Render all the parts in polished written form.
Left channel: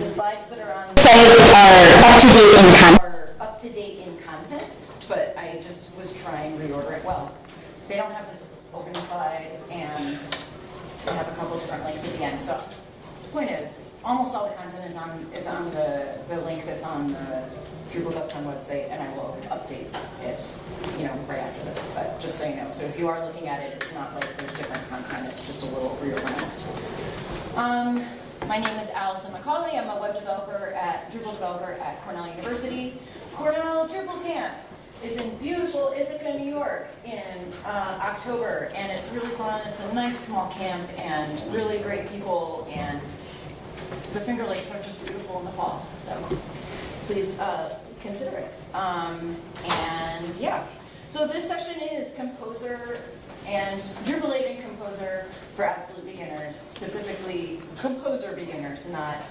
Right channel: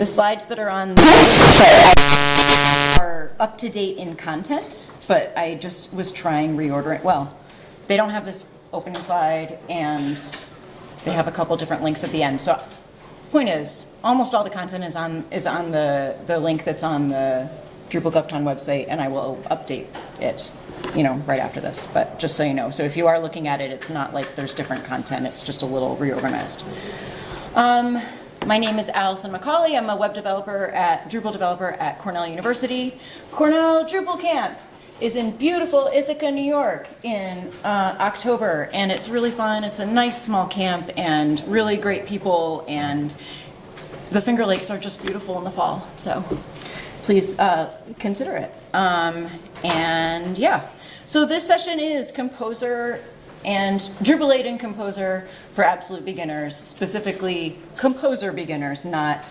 The slides that are on are up to date in content, but I just was trying reordering. Well, they don't have this opening slide, and they have a couple different links at the end. So, point is, almost all the content is on the link that's on the Drupal GovCon website, and I will update it, right after this. But just so you know, so if you are looking at it, it's not like there's different content. It's just a little reorganized. My name is Alison McCauley. I'm a web developer Drupal developer at Cornell University. Cornell DrupalCamp is in beautiful Ithaca, New York in October, and it's really fun. It's a nice small camp and really great people, and the Finger Lakes are just beautiful in the fall, so please consider it. And yeah, so this session is Composer and Drupal 8 and Composer for absolute beginners, specifically Composer beginners, not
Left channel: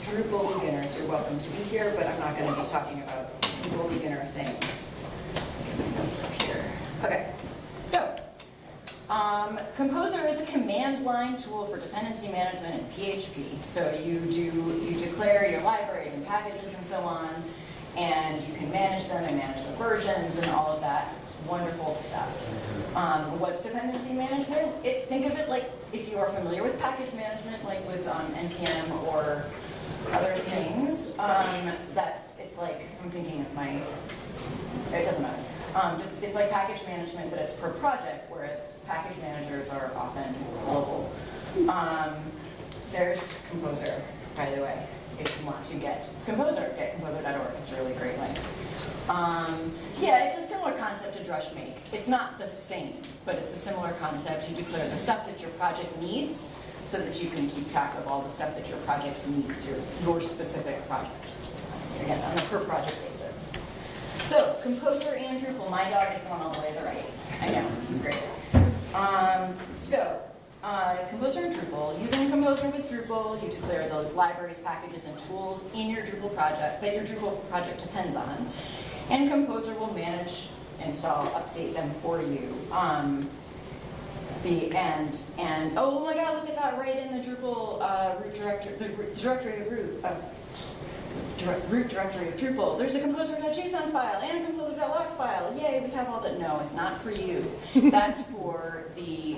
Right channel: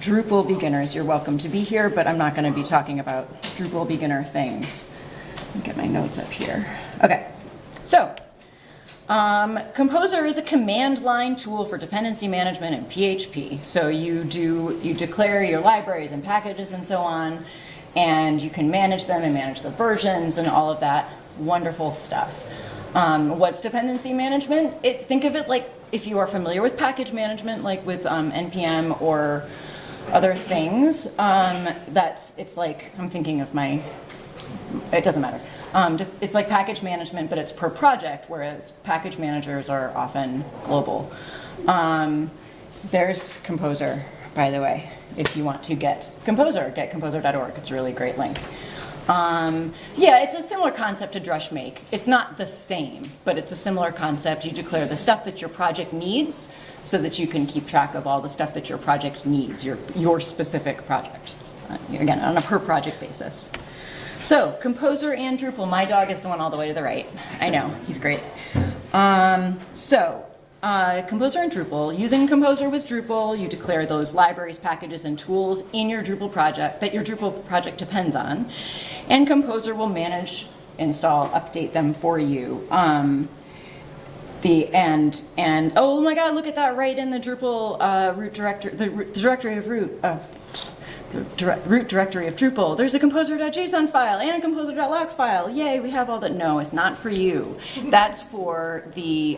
Drupal beginners. You're welcome to be here, but I'm not going to be talking about Drupal beginner things. Let me get my notes up here. Okay, so Composer is a command line tool for dependency management in PHP. So you declare your libraries and packages and so on, and you can manage them and manage the versions and all of that wonderful stuff. What's dependency management? Think of it like if you are familiar with package management, like with NPM or other things. It's like, I'm thinking of it doesn't matter. It's like package management, but it's per project, whereas package managers are often global. There's Composer, by the way. If you want to get Composer, get composer.org. It's a really great link. Yeah, it's a similar concept to Drushmake. It's not the same, but it's a similar concept. You declare the stuff that your project needs so that you can keep track of all the stuff that your project needs, your specific project, again, on a per project basis. So, Composer and Drupal. My dog is the one all the way to the right. I know, he's great. Composer and Drupal. Using Composer with Drupal, you declare those libraries, packages, and tools in your Drupal project that your Drupal project depends on. And Composer will manage, install, update them for you. Oh my God, look at that right in the Drupal root directory, the directory of root. Root directory of Drupal. There's a composer.json file and a composer.lock file. Yay, we have all that. No, it's not for you. That's for the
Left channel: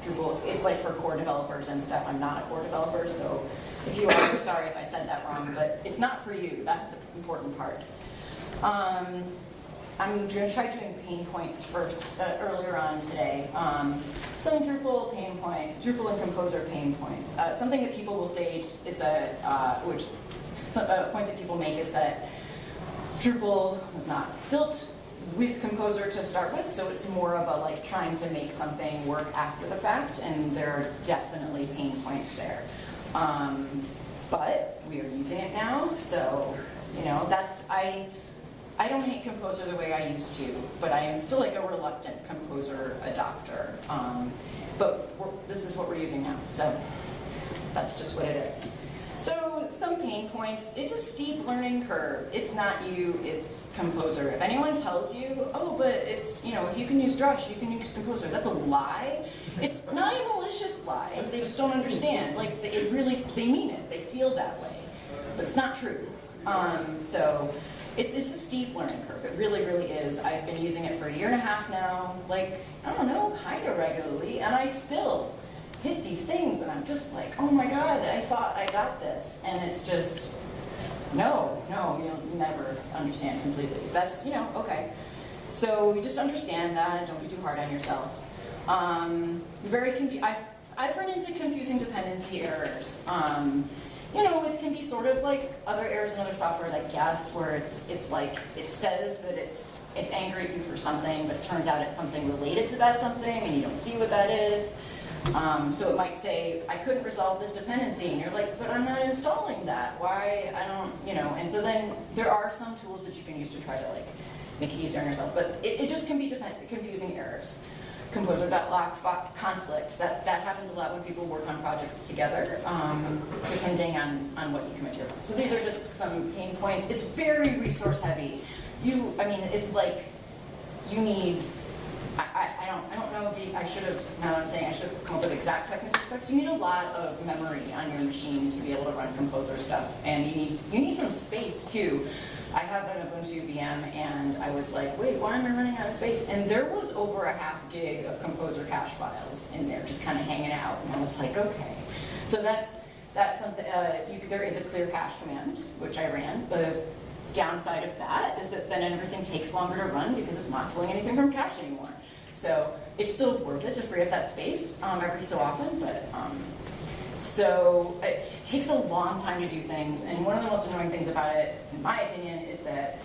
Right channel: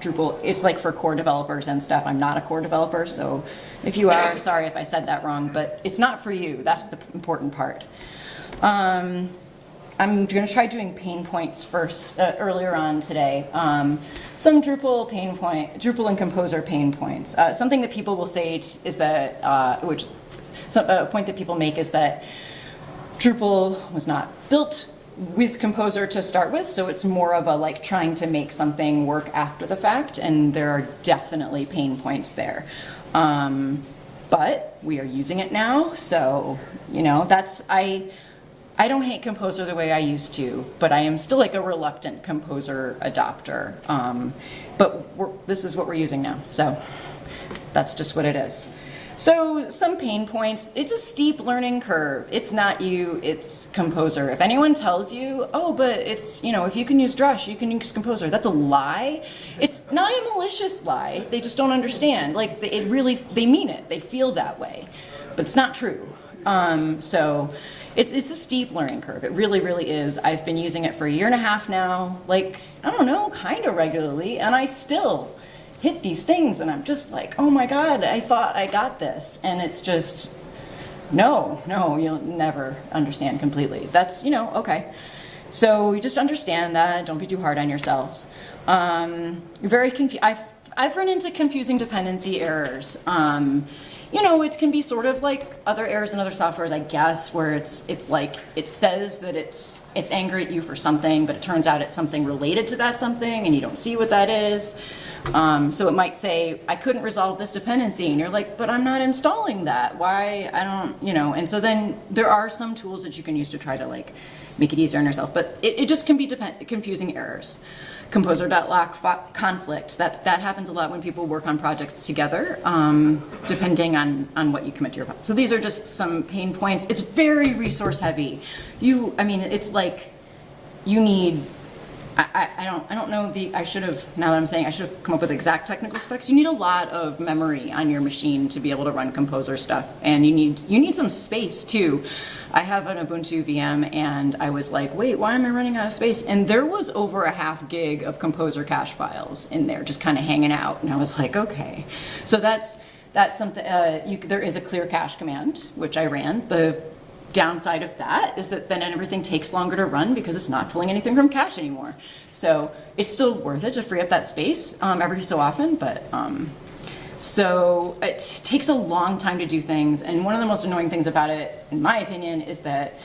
Drupal. It's like for core developers and stuff. I'm not a core developer, so if you are, sorry if I said that wrong, but it's not for you. That's the important part. I'm going to try doing pain points first, earlier on today. Some Drupal and Composer pain points. Something that people will say is that, a point that people make is that Drupal was not built with Composer to start with, so it's more of a trying to make something work after the fact, and there are definitely pain points there. But we are using it now, so I don't hate Composer the way I used to, but I am still a reluctant Composer adopter. But this is what we're using now, so that's just what it is. So some pain points. It's a steep learning curve. It's not you, it's Composer. If anyone tells you, oh, but it's, if you can use Drush, you can use Composer, that's a lie. It's not a malicious lie. They just don't understand. They mean it. They feel that way. But it's not true. So it's a steep learning curve. It really, really is. I've been using it for 1.5 years now, kind of regularly, and I still hit these things, and I'm just like, oh my God, I thought I got this. And it's just, no, you'll never understand completely. That's, okay. So you just understand that, don't be too hard on yourselves. Very I've run into confusing dependency errors. It can be sort of like other errors in other softwares, I guess, where it's like it says that it's angry at you for something, but it turns out it's something related to that something, and you don't see what that is. So it might say, I couldn't resolve this dependency, and you're like, but I'm not installing that. Why? I don't, and so then there are some tools that you can use to try to make it easier on yourself, but it just can be confusing errors. Composer.lock conflicts, that happens a lot when people work on projects together, depending on what you commit to your project. So these are just some pain points. It's very resource heavy. It's like you need I don't know I should have, now that I'm saying, I should have come up with exact technical specs. You need a lot of memory on your machine to be able to run Composer stuff, and you need some space too. I have an Ubuntu VM, and I was like, wait, why am I running out of space? And there was over a ½ gig of Composer cache files in there, just kind of hanging out. And I was like, okay. So that's something, there is a clear cache command, which I ran. The downside of that is that then everything takes longer to run because it's not pulling anything from cache anymore. So it's still worth it to free up that space every so often, but so it takes a long time to do things, and one of the most annoying things about it, in my opinion, is that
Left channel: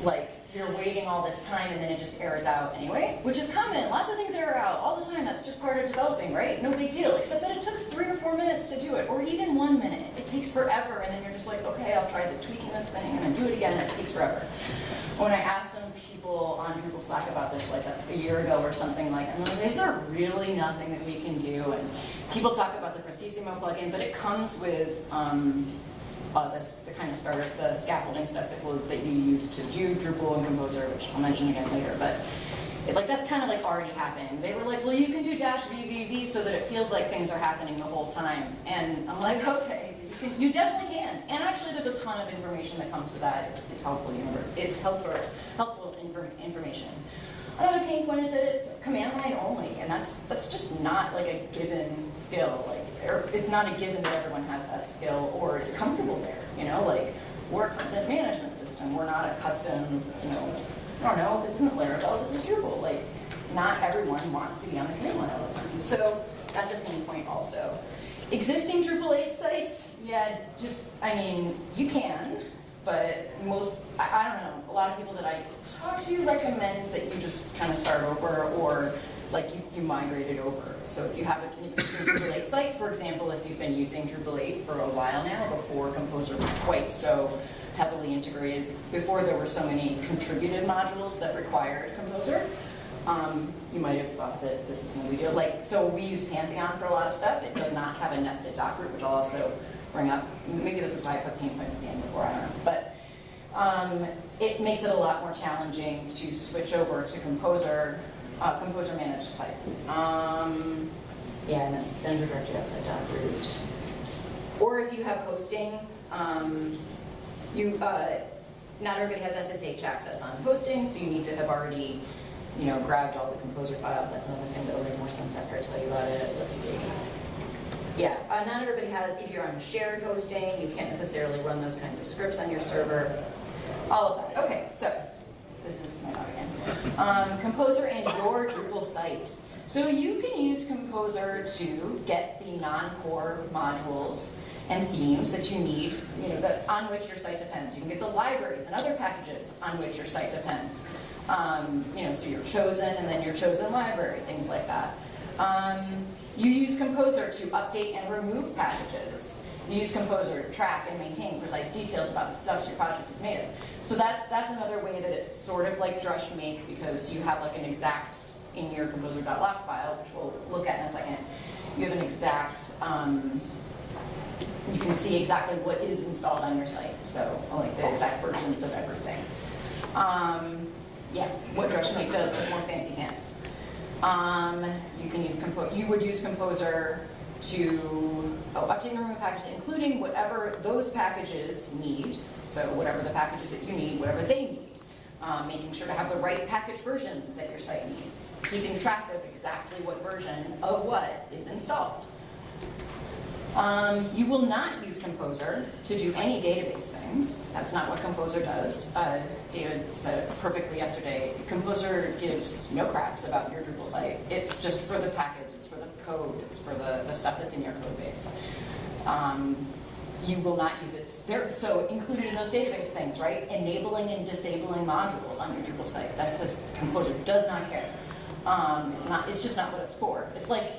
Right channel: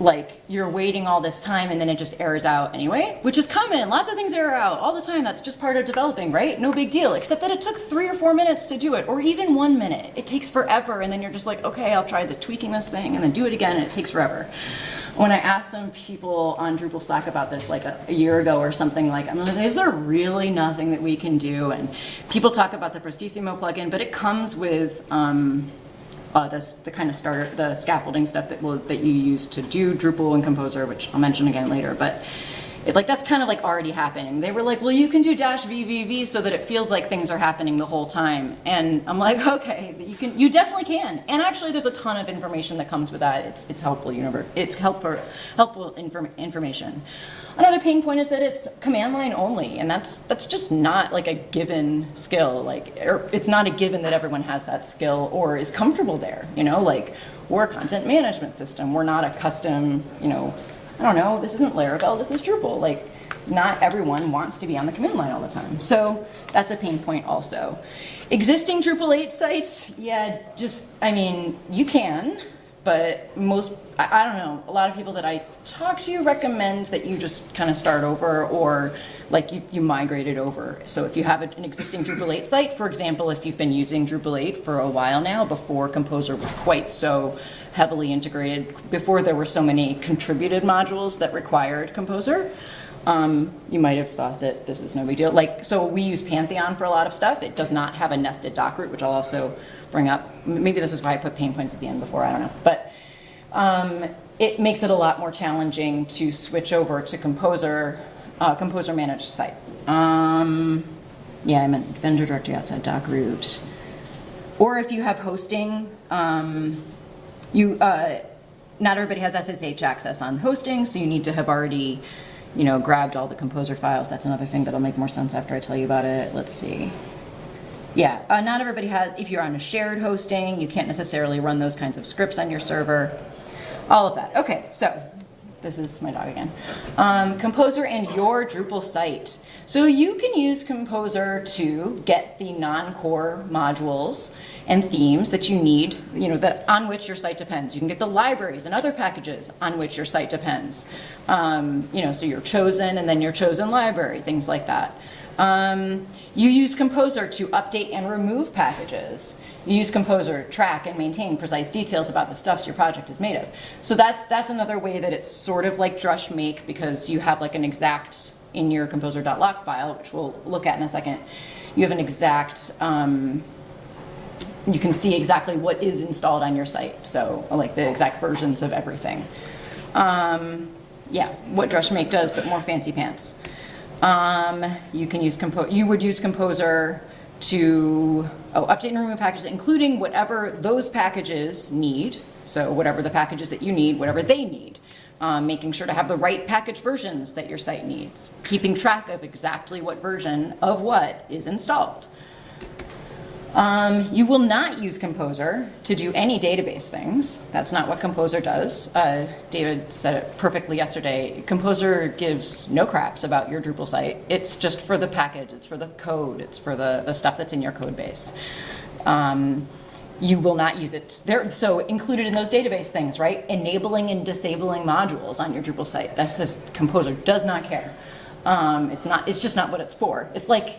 like you're waiting all this time and then it just errors out anyway, which is common. Lots of things error out all the time. That's just part of developing, right? No big deal, except that it took 3 or 4 minutes to do it, or even 1 minute. It takes forever, and then you're just like, okay, I'll try tweaking this thing and then do it again, and it takes forever. When I asked some people on Drupal Slack about this like a year ago or something, like, I'm like, is there really nothing that we can do? And people talk about the Prestissimo plugin, but it comes with the kind of starter, the scaffolding stuff that you use to do Drupal and Composer, which I'll mention again later. But that's kind of like already happening. They were like, well, you can do -VVV so that it feels like things are happening the whole time. And I'm like, okay, you definitely can. And actually, there's a ton of information that comes with that. It's helpful. It's helpful information. Another pain point is that it's command line only, and that's just not like a given skill. It's not a given that everyone has that skill or is comfortable there. Like, we're a content management system. We're not a custom, I don't know, this isn't Laravel, this is Drupal. Like, not everyone wants to be on the command line all the time. So that's a pain point also. Existing Drupal 8 sites, yeah, you can, but I don't know, a lot of people that I talk to recommend that you just kind of start over, or like you migrate it over. So if you have an existing Drupal 8 site, for example, if you've been using Drupal 8 for a while now, before Composer was quite so heavily integrated, before there were so many contributed modules that required Composer, you might have thought that this is no big deal. So we use Pantheon for a lot of stuff. It does not have a nested doc root, which I'll also bring up. Maybe this is why I put pain points at the end before, I don't know. But it makes it a lot more challenging to switch over to Composer managed site. Yeah, I meant vendor directory outside doc root. Or if you have hosting, not everybody has SSH access on hosting, so you need to have already, grabbed all the Composer files. That's another thing that'll make more sense after I tell you about it. Let's see. Yeah, not everybody has, if you're on a shared hosting, you can't necessarily run those kinds of scripts on your server. All of that. Okay, so this is my dog again. Composer and your Drupal site. So you can use Composer to get the non-core modules and themes that you need, that on which your site depends. You can get the libraries and other packages on which your site depends. So your chosen and then your chosen library, things like that. You use Composer to update and remove packages. You use Composer to track and maintain precise details about the stuffs your project is made of. So that's another way that it's sort of like drush make, because you have like an exact, in your composer.lock file, which we'll look at in a second, you have an exact, you can see exactly what is installed on your site. So like the exact versions of everything. Yeah, what drush make does, but more fancy pants. You would use Composer to update and remove packages, including whatever those packages need. So whatever the packages that you need, whatever they need. Making sure to have the right package versions that your site needs. Keeping track of exactly what version of what is installed. You will not use Composer to do any database things. That's not what Composer does. David said it perfectly yesterday. Composer gives no craps about your Drupal site. It's just for the package, it's for the code, it's for the stuff that's in your code base. You will not use it. So included in those database things, right? Enabling and disabling modules on your Drupal site. That says Composer does not care. It's just not what it's for. It's like,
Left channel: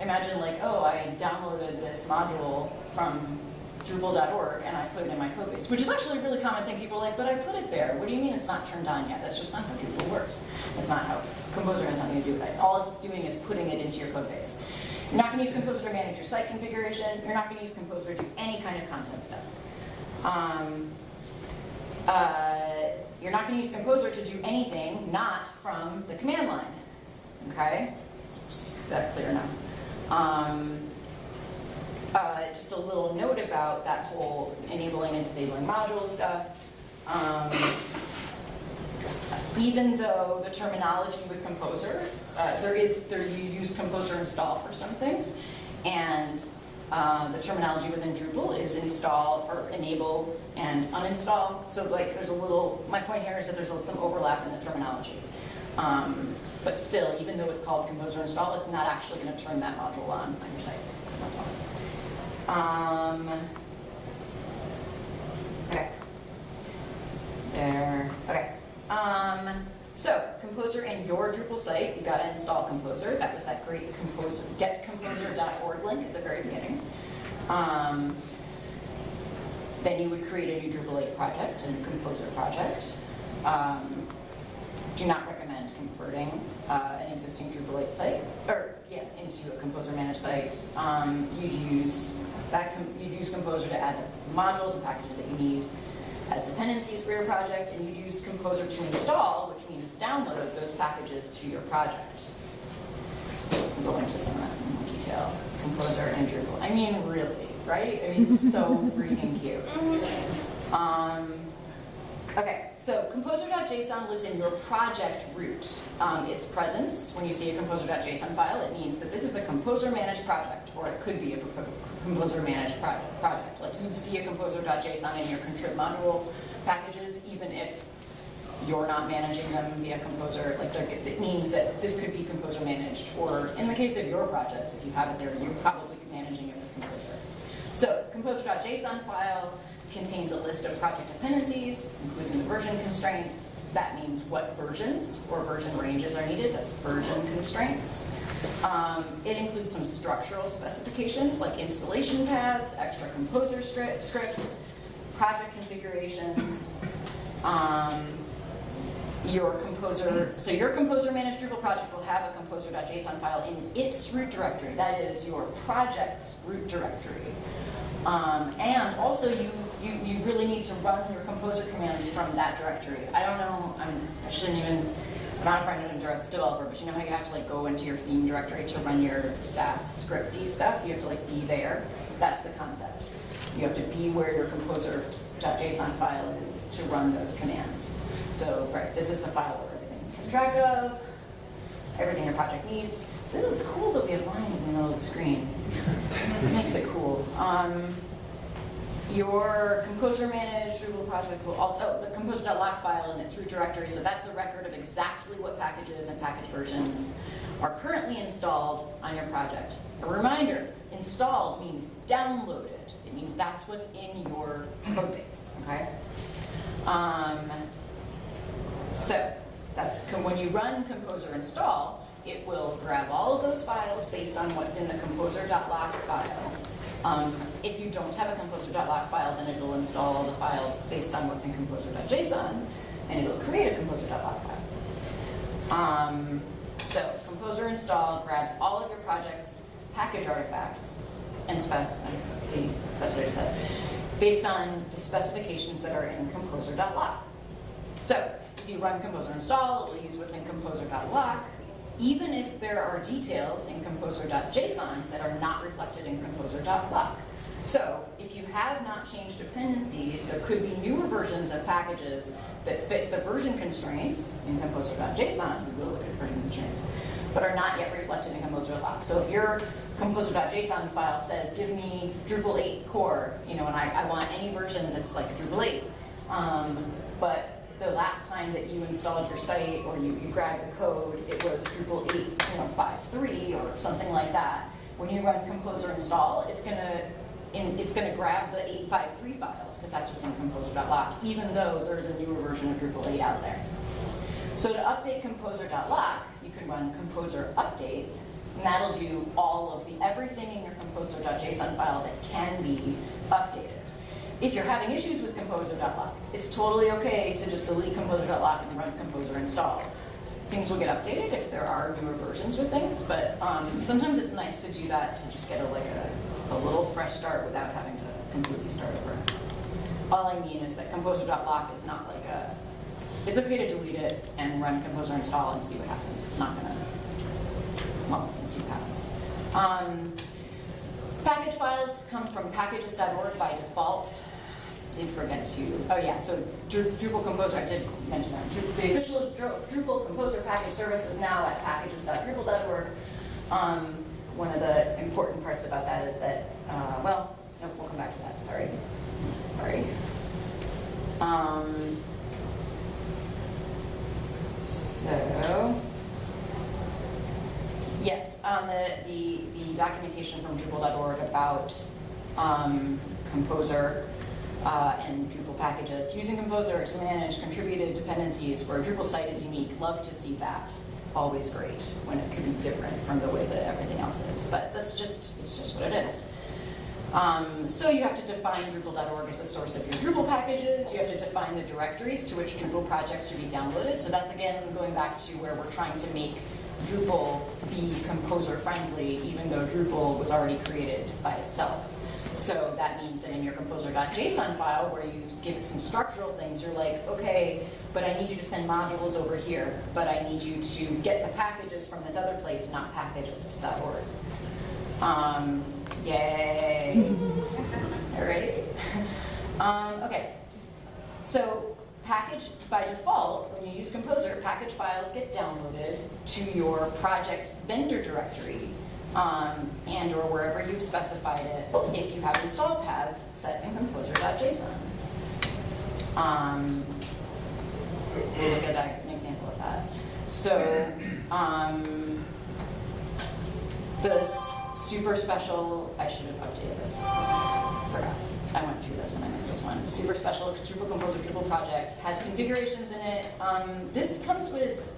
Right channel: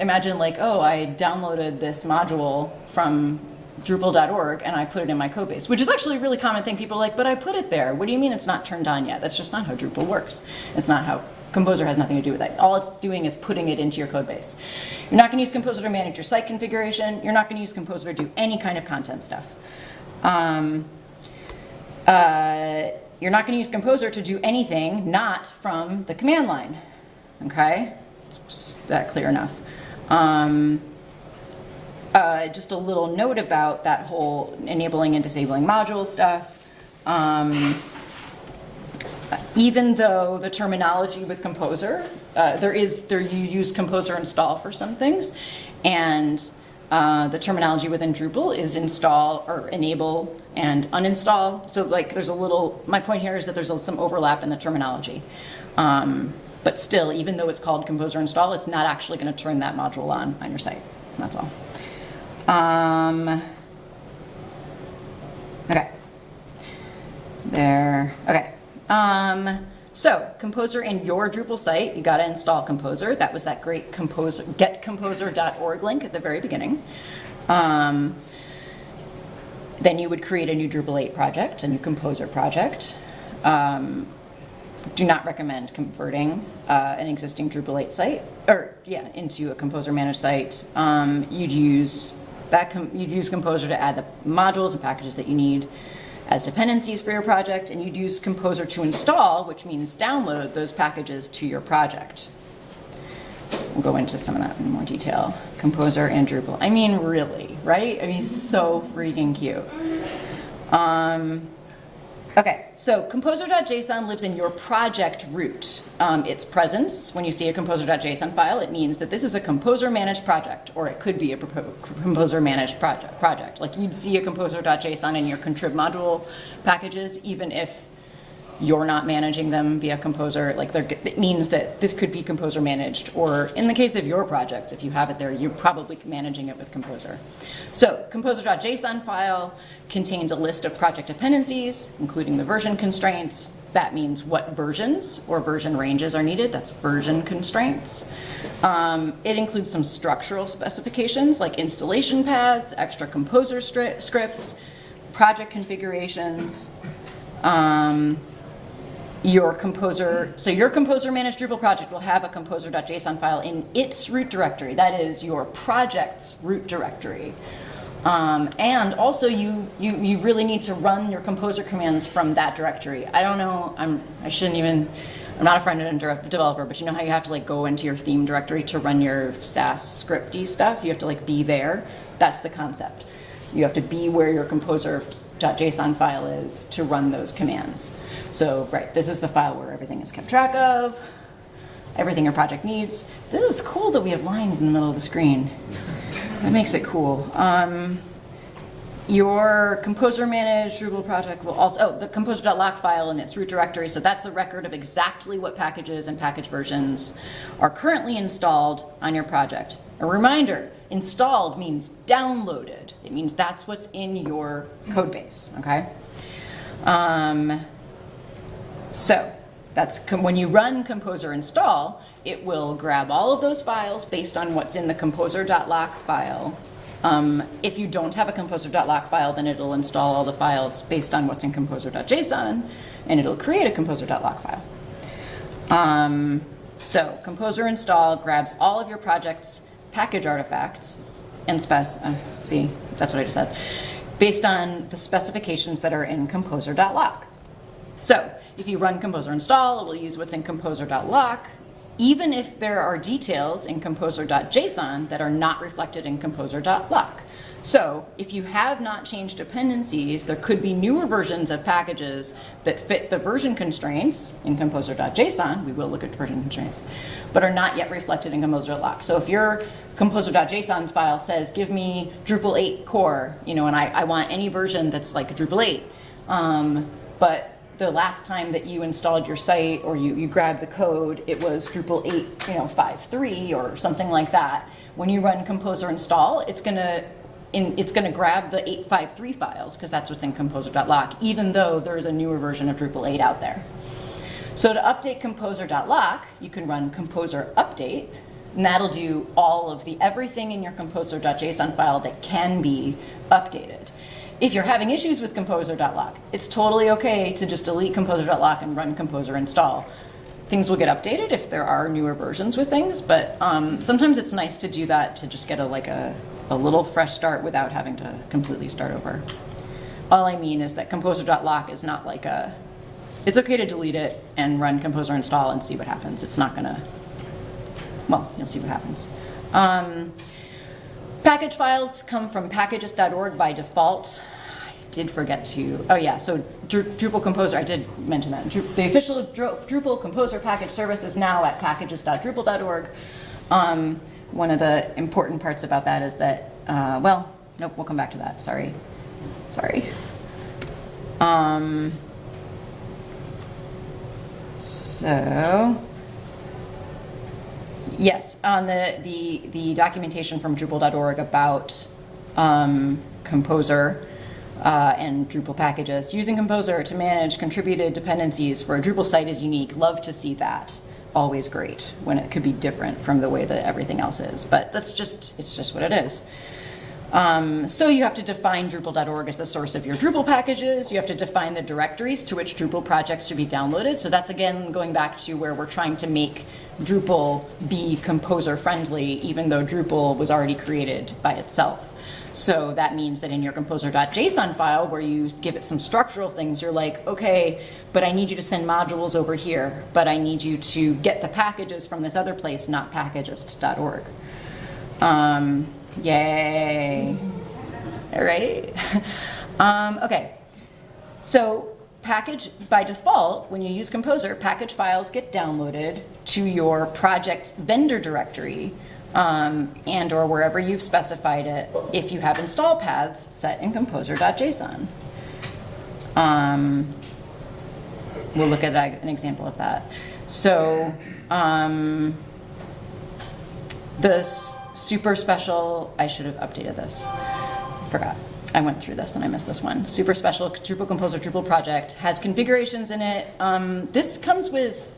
imagine like, oh, I downloaded this module from Drupal.org and I put it in my code base, which is actually a really common thing. People are like, but I put it there. What do you mean it's not turned on yet? That's just not how Drupal works. It's not how, Composer has nothing to do with that. All it's doing is putting it into your code base. You're not going to use Composer to manage your site configuration. You're not going to use Composer to do any kind of content stuff. You're not going to use Composer to do anything not from the command line. Okay? Is that clear enough? Just a little note about that whole enabling and disabling module stuff. Even though the terminology with Composer, you use Composer install for some things, and the terminology within Drupal is install or enable and uninstall. So like there's a little, my point here is that there's some overlap in the terminology. But still, even though it's called Composer install, it's not actually going to turn that module on your site. That's all. Okay. There. Okay. So Composer in your Drupal site, you got to install Composer. That was that great getcomposer.org link at the very beginning. Then you would create a new Drupal 8 project, a new Composer project. Do not recommend converting an existing Drupal 8 site, into a Composer managed site. You'd use Composer to add the modules and packages that you need as dependencies for your project, and you'd use Composer to install, which means download those packages to your project. We'll go into some of that in more detail. Composer and Drupal. I mean, really, right? I mean, so freaking cute. Okay, so composer.json lives in your project root. Its presence, when you see a composer.json file, it means that this is a Composer managed project, or it could be a Composer managed project. Like you'd see a composer.json in your contrib module packages, even if you're not managing them via Composer. Like it means that this could be Composer managed, or in the case of your project, if you have it there, you're probably managing it with Composer. So composer.json file contains a list of project dependencies, including the version constraints. That means what versions or version ranges are needed. That's version constraints. It includes some structural specifications like installation paths, extra Composer scripts, project configurations. Your Composer managed Drupal project will have a composer.json file in its root directory. That is your project's root directory. And also you really need to run your Composer commands from that directory. I don't know, I'm not a front-end developer, but you know how you have to like go into your theme directory to run your Sass scripty stuff? You have to like be there. That's the concept. You have to be where your composer.json file is to run those commands. So, right, this is the file where everything is kept track of, everything your project needs. This is cool that we have lines in the middle of the screen. That makes it cool. Your Composer managed Drupal project will also, the composer.lock file in its root directory, so that's a record of exactly what packages and package versions are currently installed on your project. A reminder, installed means downloaded. It means that's what's in your code base, okay? So that's when you run Composer install, it will grab all of those files based on what's in the composer.lock file. If you don't have a composer.lock file, then it'll install all the files based on what's in composer.json, and it'll create a composer.lock file. So Composer install grabs all of your project's package artifacts and see, that's what I just said, based on the specifications that are in composer.lock. So if you run Composer install, it will use what's in composer.lock, even if there are details in composer.json that are not reflected in composer.lock. So if you have not changed dependencies, there could be newer versions of packages that fit the version constraints in composer.json, we will look at version constraints, but are not yet reflected in composer.lock. So if your composer.json file says, give me Drupal 8 core, and I want any version that's like a Drupal 8, but the last time that you installed your site or you grabbed the code, it was Drupal 8, 5.3 or something like that. When you run Composer install, it's gonna grab the 8.5.3 files because that's what's in composer.lock, even though there's a newer version of Drupal 8 out there. So to update composer.lock, you can run composer update, and that'll do all of everything in your composer.json file that can be updated. If you're having issues with composer.lock, it's totally okay to just delete composer.lock and run composer install. Things will get updated if there are newer versions with things, but sometimes it's nice to do that to just get a little fresh start without having to completely start over. all I mean is that composer.lock is not like a, it's okay to delete it and run composer install and see what happens. It's not gonna, well, you'll see what happens. Package files come from packages.org by default. I did forget to, oh yeah, so Drupal Composer, I did mention that. The official Drupal Composer package service is now at packages.drupal.org. One of the important parts about that is that, well, nope, we'll come back to that, sorry. So, yes, on the documentation from Drupal.org about Composer and Drupal packages. Using Composer to manage contributed dependencies for a Drupal site is unique. Love to see that. Always great when it could be different from the way that everything else is. But that's just, it's just what it is. So you have to define Drupal.org as the source of your Drupal packages. You have to define the directories to which Drupal projects should be downloaded. So that's again going back to where we're trying to make Drupal be composer friendly, even though Drupal was already created by itself. So that means that in your composer.json file, where you give it some structural things, you're like, okay, but I need you to send modules over here, but I need you to get the packages from this other place, not packages.org. Yay. All right. Okay. So package, by default, when you use Composer, package files get downloaded to your project's vendor directory and or wherever you've specified it if you have install paths set in composer.json. We'll look at an example of that. So this super special, I should have updated this, forgot. I went through this and I missed this one. Super special Drupal Composer Drupal project has configurations in it. This comes with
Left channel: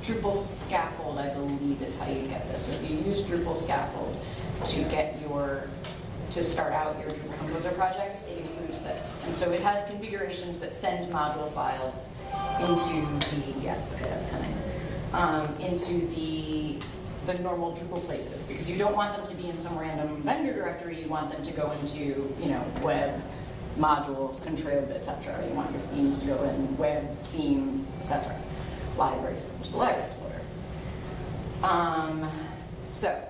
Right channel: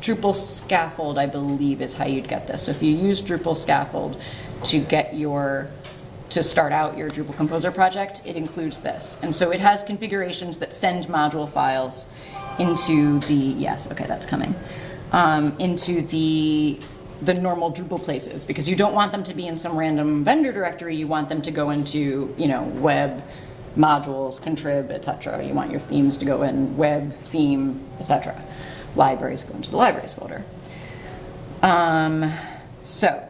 Drupal Scaffold, I believe is how you'd get this. So if you use Drupal Scaffold to get to start out your Drupal Composer project, it includes this. And so it has configurations that send module files into the, yes, okay, that's coming, into the normal Drupal places, because you don't want them to be in some random vendor directory. You want them to go into, you know, web, modules, contrib, etc. You want your themes to go in web, theme, etc. Libraries go into the libraries folder. So,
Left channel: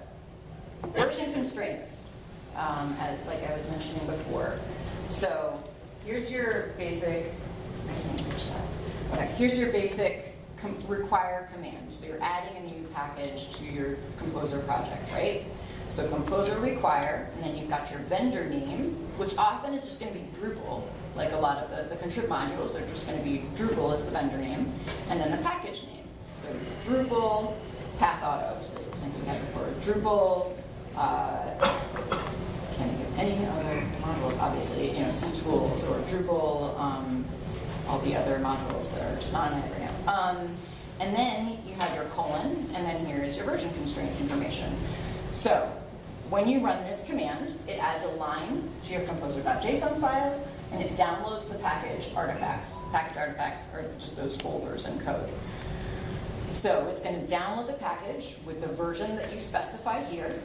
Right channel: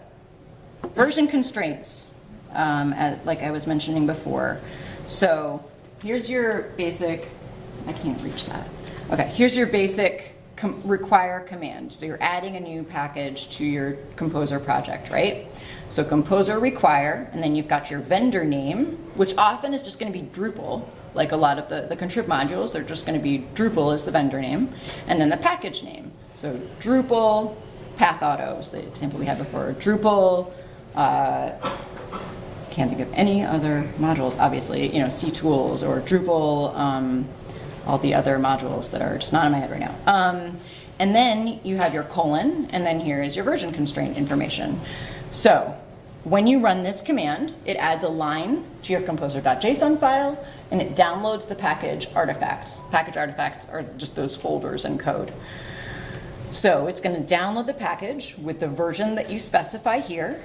version constraints, like I was mentioning before. So, here's your basic, I can't reach that. Okay, here's your basic require command. So you're adding a new package to your Composer project, right? So Composer require, and then you've got your vendor name, which often is just going to be Drupal. Like a lot of the contrib modules, they're just going to be Drupal as the vendor name, and then the package name. So Drupal path auto is the example we had before. Drupal, can't think of any other modules, obviously, you know, ctools or Drupal, all the other modules that are just not in my head right now. And then you have your colon, and then here is your version constraint information. So when you run this command, it adds a line to your composer.json file, and it downloads the package artifacts. Package artifacts are just those folders and code. So it's going to download the package with the version that you specify here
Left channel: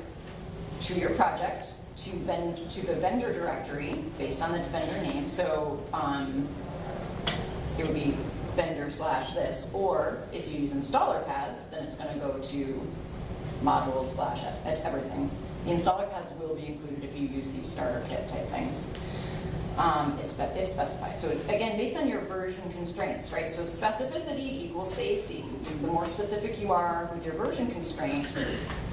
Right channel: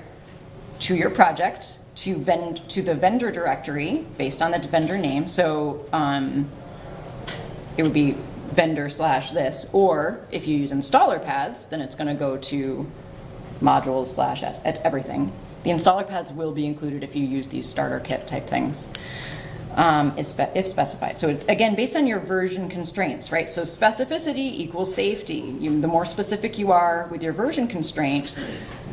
to your project, to the vendor directory based on the vendor name. So it would be vendor / this, or if you use installer paths, then it's going to go to modules / everything. The installer paths will be included if you use these starter kit type things, if specified. So again, based on your version constraints, right? So specificity equals safety. The more specific you are with your version constraint,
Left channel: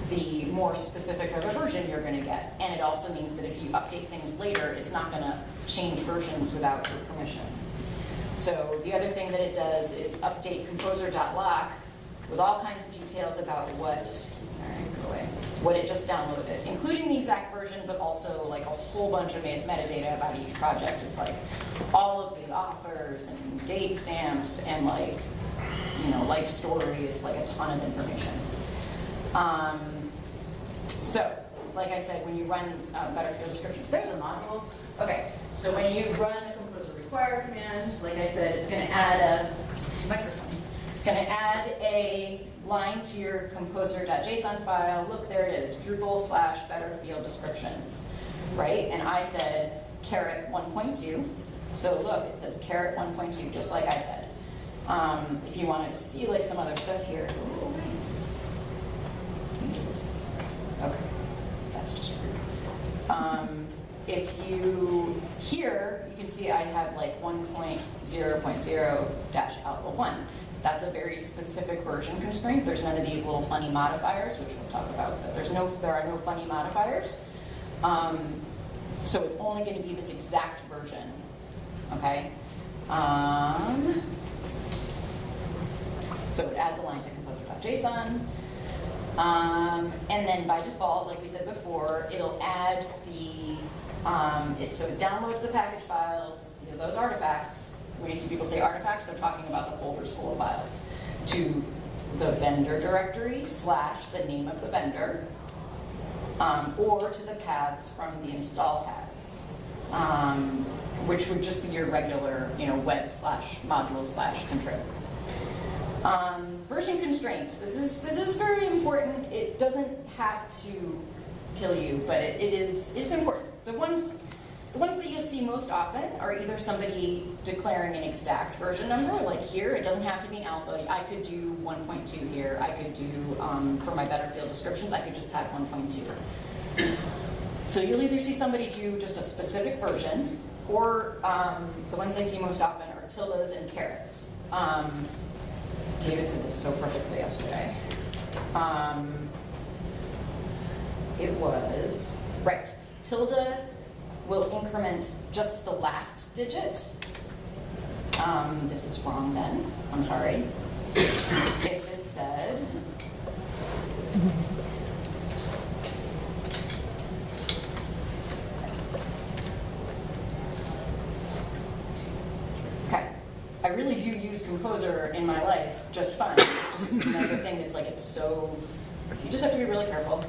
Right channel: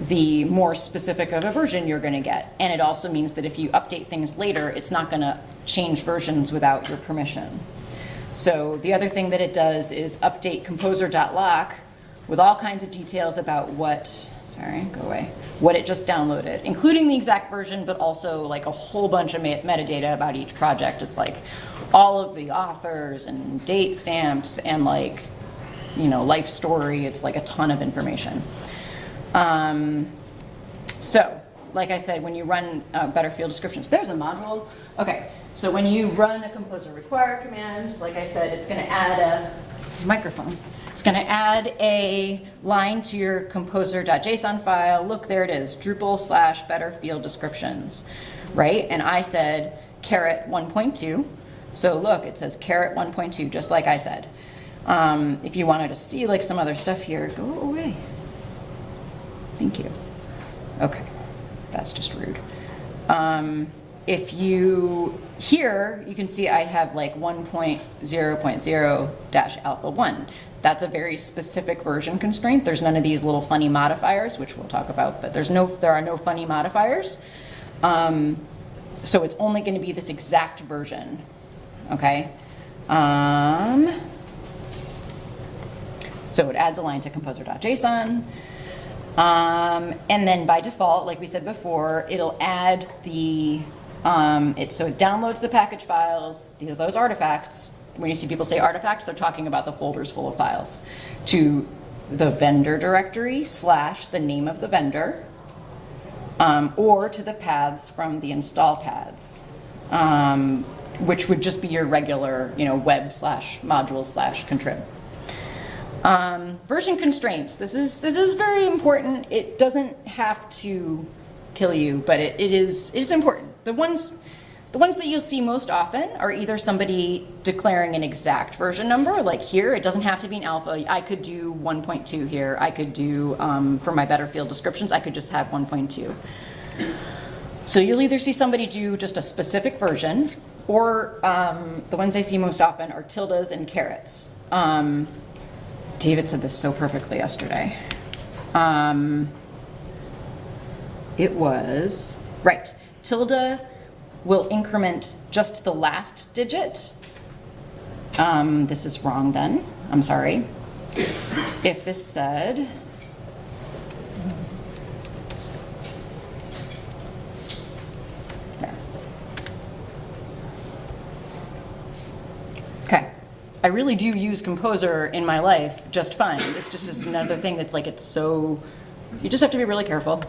the more specific of a version you're going to get. And it also means that if you update things later, it's not going to change versions without your permission. So the other thing that it does is update composer.lock with all kinds of details about what it just downloaded, including the exact version, but also like a whole bunch of metadata about each project. It's like all of the authors and date stamps and like, you know, life story. It's like a ton of information. So, like I said, when you run better field descriptions, there's a module. Okay, so when you run a composer require command, like I said, it's going to add a microphone. It's going to add a line to your composer.json file. Look, there it is, Drupal / better field descriptions, right? And I said caret 1.2. So look, it says caret 1.2, just like I said. If you wanted to see like some other stuff here, go away. Thank you. Okay, that's just rude. If you, here, you can see I have like 1.0.0-alpha 1. That's a very specific version constraint. There's none of these little funny modifiers, which we'll talk about, but there are no funny modifiers. So it's only going to be this exact version, okay? So it adds a line to composer.json. And then by default, like we said before, it'll add the, so it downloads the package files, those artifacts. When you see people say artifacts, they're talking about the folders full of files, to the vendor directory / the name of the vendor, or to the paths from the install paths, which would just be your regular, web / module / contrib. Version constraints. This is very important. It doesn't have to kill you, but it's important. The ones that you'll see most often are either somebody declaring an exact version number, like here. It doesn't have to be an alpha. I could do 1.2 here. I could do, for my better field descriptions, I could just have 1.2. So you'll either see somebody do just a specific version, or the ones I see most often are tildes and carets. David said this so perfectly yesterday. It was, right, tilde will increment just the last digit. This is wrong then, I'm sorry. If this said, okay. I really do use Composer in my life just fine. It's just another thing that's like, it's so, you just have to be really careful,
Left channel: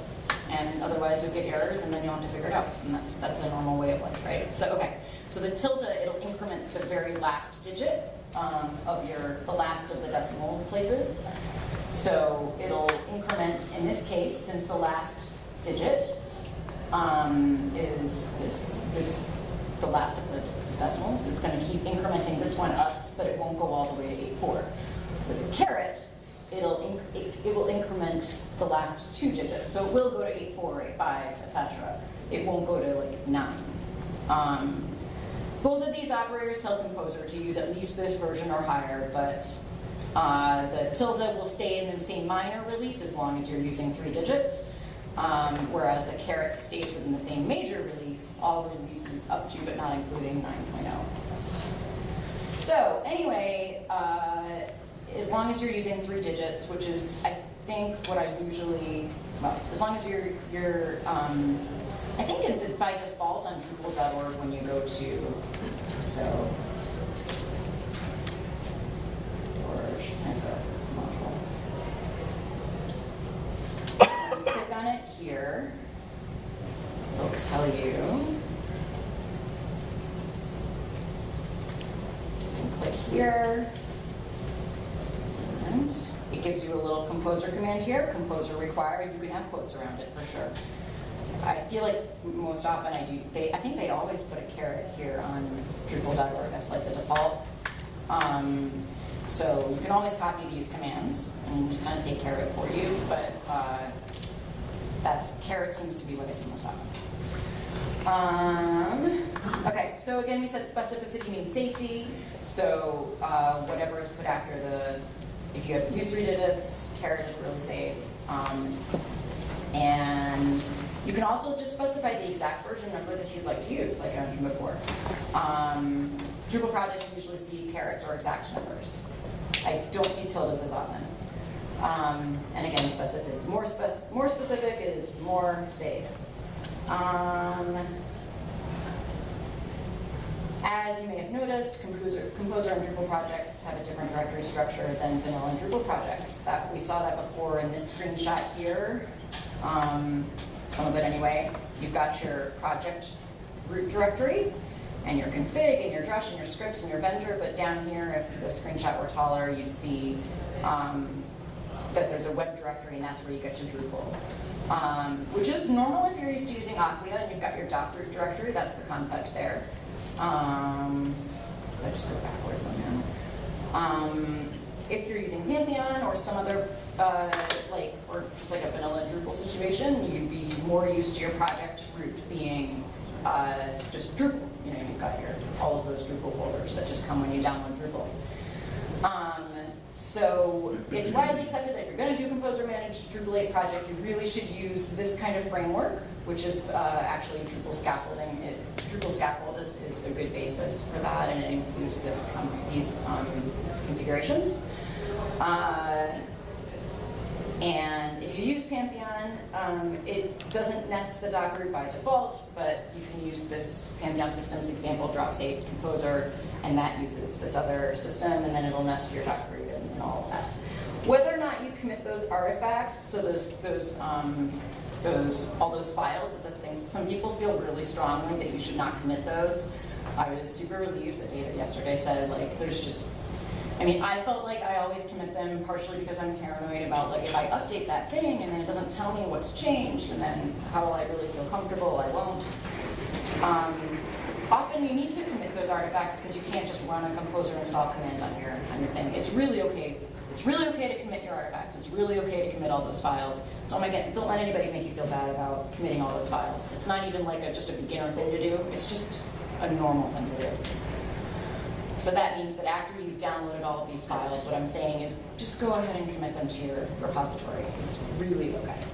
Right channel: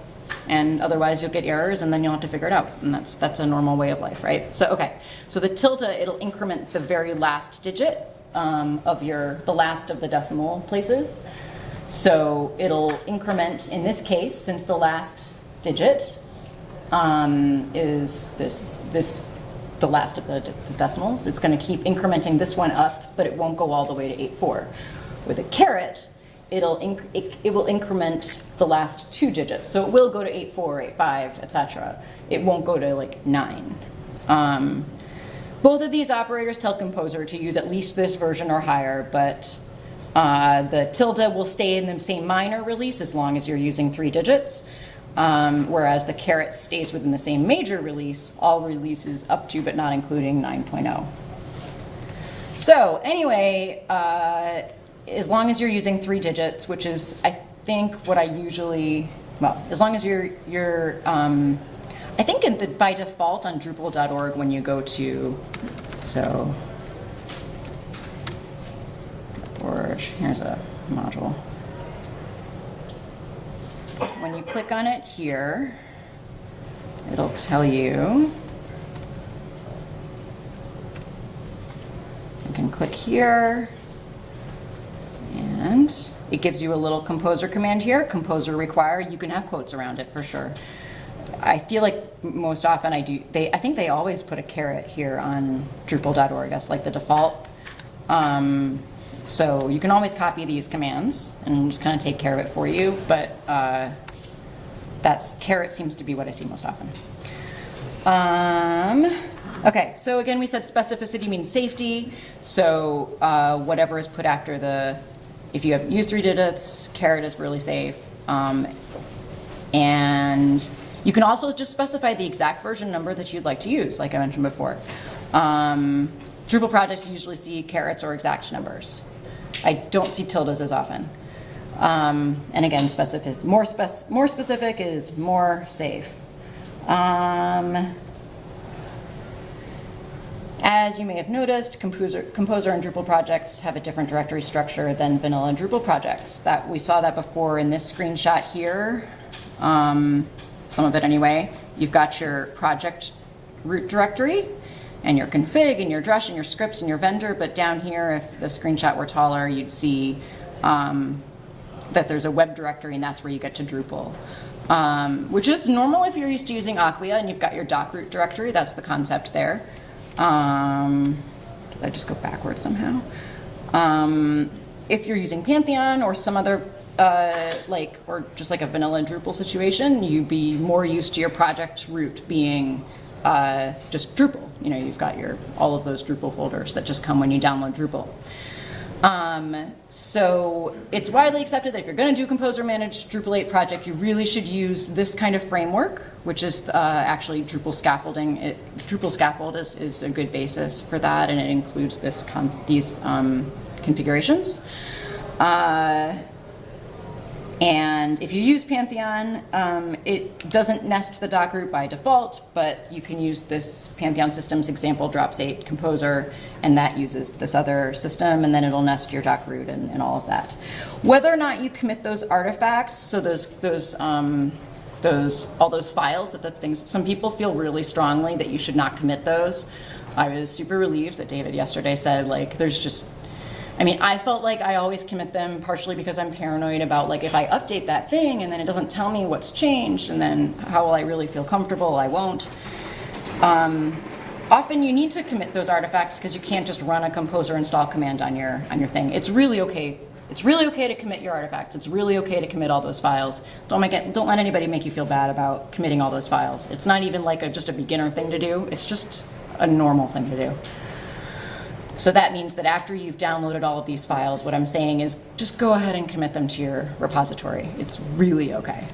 and otherwise you'll get errors and then you'll have to figure it out. And that's a normal way of life, right? So, okay. So the tilde, it'll increment the very last digit of the last of the decimal places. So it'll increment, in this case, since the last digit is the last of the decimals, it's going to keep incrementing this one up, but it won't go all the way to 8.4. With a caret, it will increment the last 2 digits. So it will go to 8.4, 8.5, etc. It won't go to like 9. Both of these operators tell Composer to use at least this version or higher, but the tilde will stay in the same minor release as long as you're using 3 digits. Whereas the caret stays within the same major release, all releases up to but not including 9.0. So anyway, as long as you're using 3 digits, which is I think what I usually, well, as long as you're I think by default on Drupal.org when you go to, so, or here's a module. When you click on it here, it'll tell you, you can click here, and it gives you a little Composer command here, Composer require. You can have quotes around it for sure. I feel like most often I think they always put a caret here on Drupal.org. That's like the default. So you can always copy these commands and just kind of take care of it for you, but caret seems to be what I see most often. Okay, so again, we said specificity means safety. So whatever is put after if you have used 3 digits, caret is really safe. And you can also just specify the exact version number that you'd like to use, like I mentioned before. Drupal projects usually see carets or exact numbers. I don't see tildes as often. And again, more specific is more safe. As you may have noticed, Composer and Drupal projects have a different directory structure than vanilla and Drupal projects. We saw that before in this screenshot here, some of it anyway. You've got your project root directory, and your config, and your drush, and your scripts, and your vendor, but down here, if the screenshot were taller, you'd see that there's a web directory, and that's where you get to Drupal. Which is normal if you're used to using Acquia, and you've got your doc root directory. That's the concept there. Did I just go backwards somehow? If you're using Pantheon or some other, or just like a vanilla Drupal situation, you'd be more used to your project root being just Drupal. You've got all of those Drupal folders that just come when you download Drupal. So it's widely accepted that if you're going to do Composer Managed Drupal 8 project, you really should use this kind of framework, which is actually Drupal scaffolding. Drupal scaffold is a good basis for that, and it includes these configurations. And if you use Pantheon, it doesn't nest the doc root by default, but you can use this Pantheon systems example drops 8 composer, and that uses this other system, and then it'll nest your doc root and all of that. Whether or not you commit those artifacts, so all those files, some people feel really strongly that you should not commit those. I was super relieved that David yesterday said, I felt like I always commit them partially because I'm paranoid about if I update that thing and then it doesn't tell me what's changed, and then how will I really feel comfortable? I won't. Often you need to commit those artifacts because you can't just run a composer install command on your thing. It's really okay. It's really okay to commit your artifacts. It's really okay to commit all those files. Don't let anybody make you feel bad about committing all those files. It's not even just a beginner thing to do. It's just a normal thing to do. So that means that after you've downloaded all of these files, what I'm saying is just go ahead and commit them to your repository. It's really okay.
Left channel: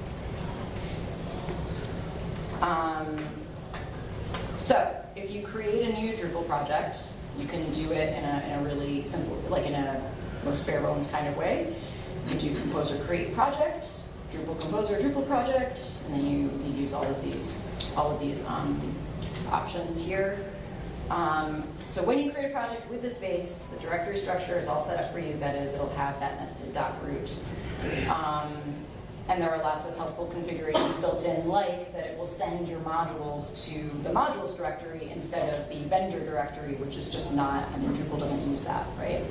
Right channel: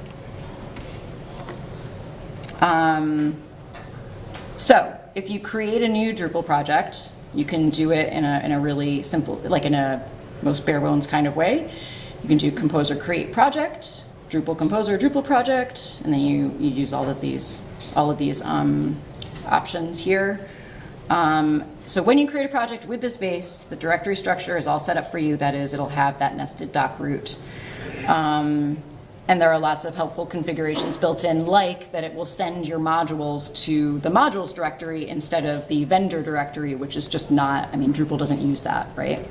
So if you create a new Drupal project, you can do it in a really simple, in a most bare bones kind of way. You can do composer create project, Drupal composer Drupal project, and then you use all of these options here. So when you create a project with this base, the directory structure is all set up for you. That is, it'll have that nested doc root. And there are lots of helpful configurations built in, like that it will send your modules to the modules directory instead of the vendor directory, which is just not, Drupal doesn't use that, right?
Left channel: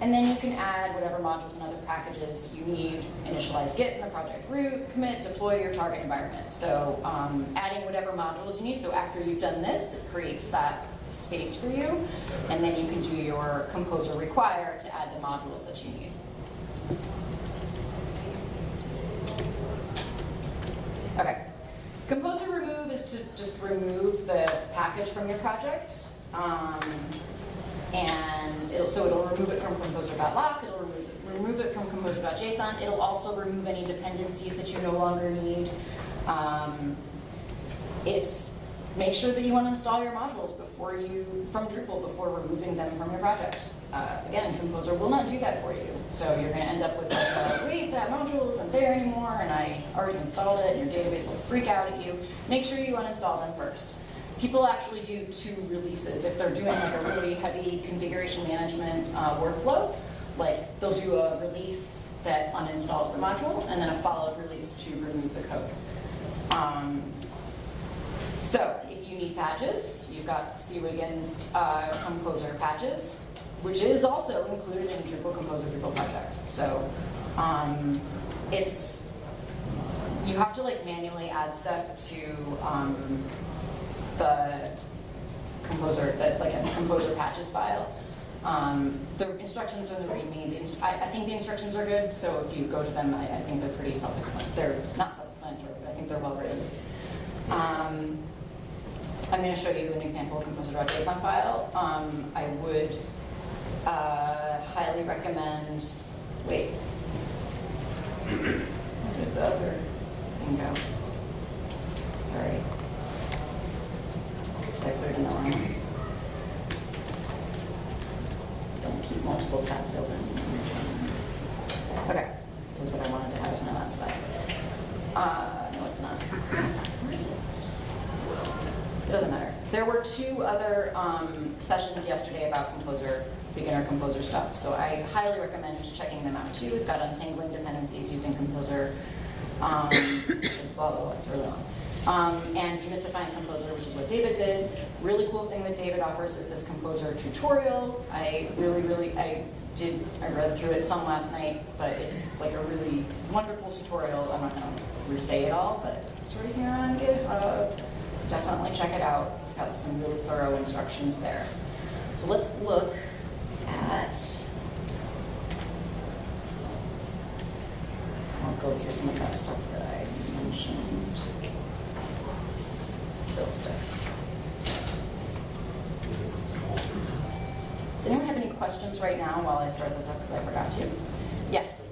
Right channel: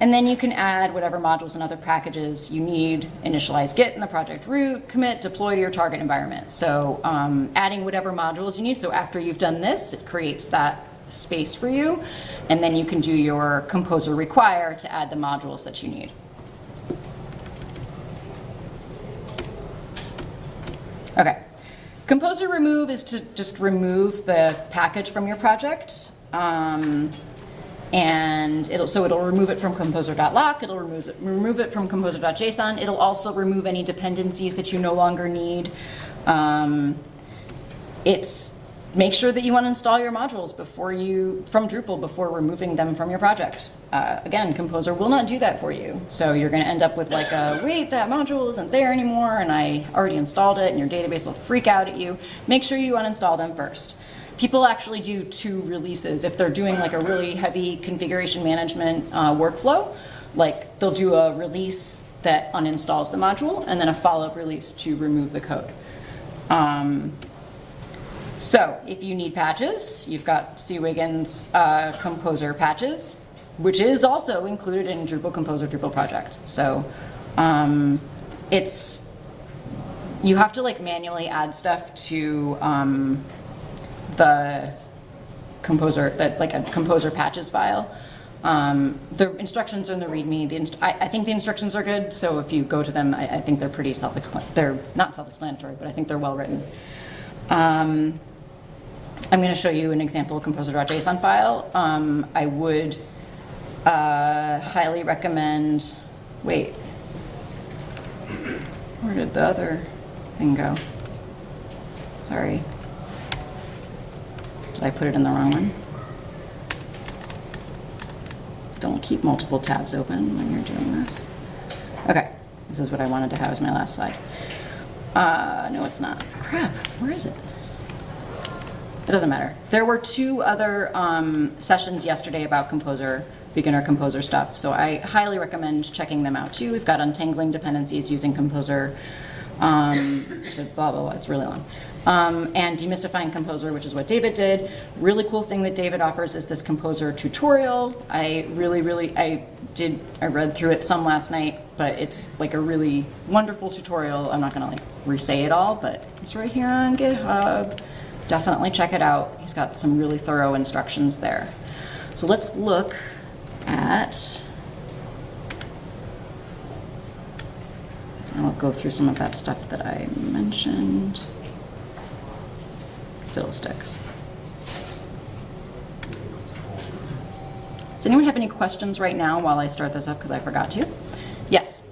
And then you can add whatever modules and other packages you need, initialize Git in the project root, commit, deploy to your target environment. So adding whatever modules you need. So after you've done this, it creates that space for you. And then you can do your composer require to add the modules that you need. Okay. Composer remove is to just remove the package from your project. And it'll remove it from composer.lock, it'll remove it from composer.json, it'll also remove any dependencies that you no longer need. Make sure that you uninstall your modules from Drupal before removing them from your project. Again, Composer will not do that for you. So you're going to end up with wait, that module isn't there anymore, and I already installed it, and your database will freak out at you. Make sure you uninstall them first. People actually do 2 releases. If they're doing a really heavy configuration management workflow, they'll do a release that uninstalls the module, and then a follow-up release to remove the code. So if you need patches, you've got C. Wiggins Composer patches, which is also included in Drupal Composer Drupal project. So you have to manually add stuff to the composer, a composer patches file. The instructions are in the README. I think the instructions are good, so if you go to them, I think they're pretty self-explanatory. They're not self-explanatory, but I think they're well written. I'm going to show you an example composer.json file. I would highly recommend, wait, where did the other thing go? Sorry. Did I put it in the wrong one? Don't keep multiple tabs open when you're doing this. Okay, this is what I wanted to have as my last slide. No, it's not. Crap, where is it? It doesn't matter. There were 2 other sessions yesterday about Composer, beginner Composer stuff, so I highly recommend checking them out too. We've got untangling dependencies using Composer, blah, blah, blah, it's really long. And demystifying Composer, which is what David did. Really cool thing that David offers is this Composer tutorial. I read through it some last night, but it's a really wonderful tutorial. I'm not gonna re-say it all, but it's right here on GitHub. definitely check it out. He's got some really thorough instructions there. So let's look at, I'll go through some of that stuff that I mentioned. Fiddlesticks. Does anyone have any questions right now while I start this up, because I forgot to? Yes?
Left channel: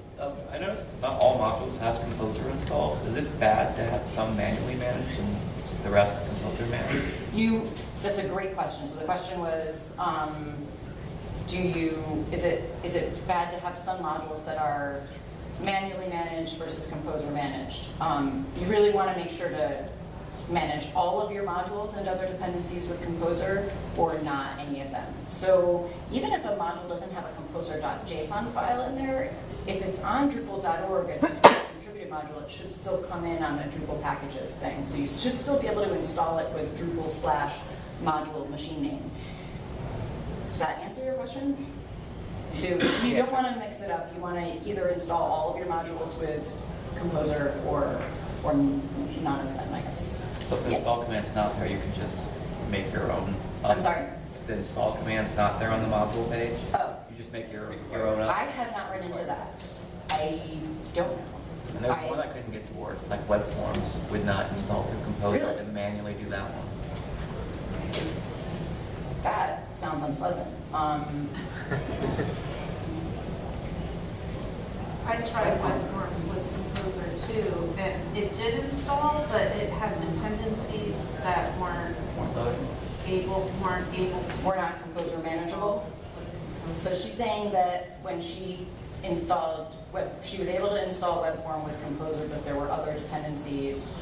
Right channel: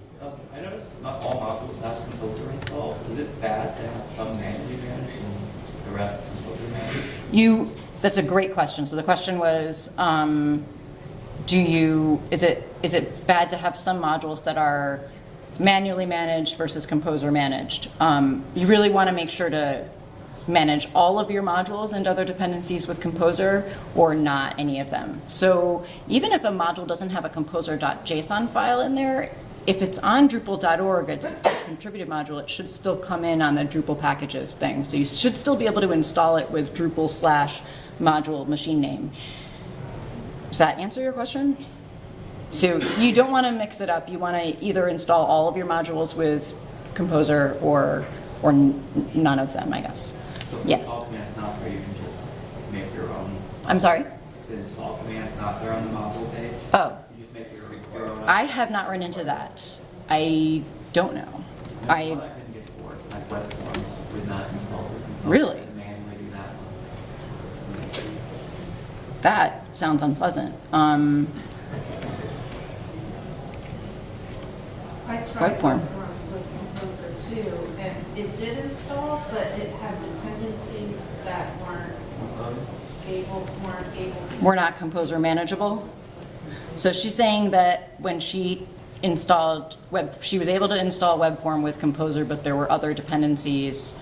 I noticed not all modules have composer installs. Is it bad to have some manually managed and the rest composer managed? That's a great question. So the question was, is it bad to have some modules that are manually managed versus composer managed? You really want to make sure to manage all of your modules and other dependencies with Composer, or not any of them. So even if a module doesn't have a composer.json file in there, if it's on Drupal.org, it's a contributed module, it should still come in on the Drupal packages thing. So you should still be able to install it with Drupal/module machine name. Does that answer your question? So you don't want to mix it up. You want to either install all of your modules with Composer or none of them, I guess. So if the install command's not there, you can just make your own. I'm sorry? The install command's not there on the module page. Oh. You just make your own. I have not run into that. I don't know. There's one I couldn't get for it, like web forms would not install the composer. Really? And manually do that one. That sounds unpleasant. I tried web forms with Composer too, and it did install, but it had dependencies that weren't able to. We're not Composer manageable. So she's saying that when she installed she was able to install web form with Composer, but there were other dependencies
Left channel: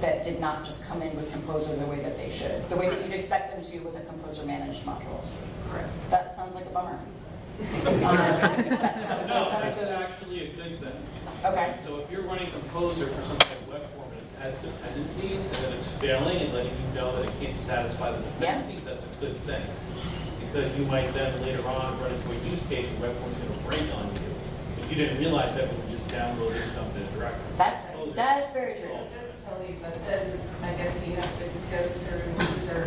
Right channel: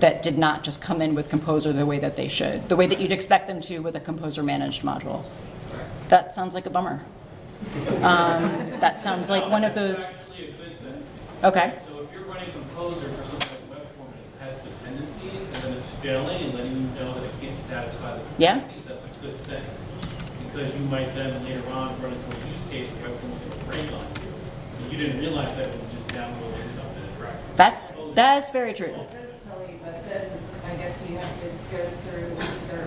that did not just come in with Composer the way that they should, the way that you'd expect them to with a Composer managed module. Correct. That sounds like a bummer. That sounds like one of those. It's actually a good thing. Okay. So if you're running Composer for something like web form and it has dependencies and then it's failing and letting you know that it can't satisfy the dependencies, that's a good thing. Because you might then later on run into a use case where web form's going to break on you. But you didn't realize that when you just download it on the directory. That's very true. It does tell you, but then I guess you have to go through either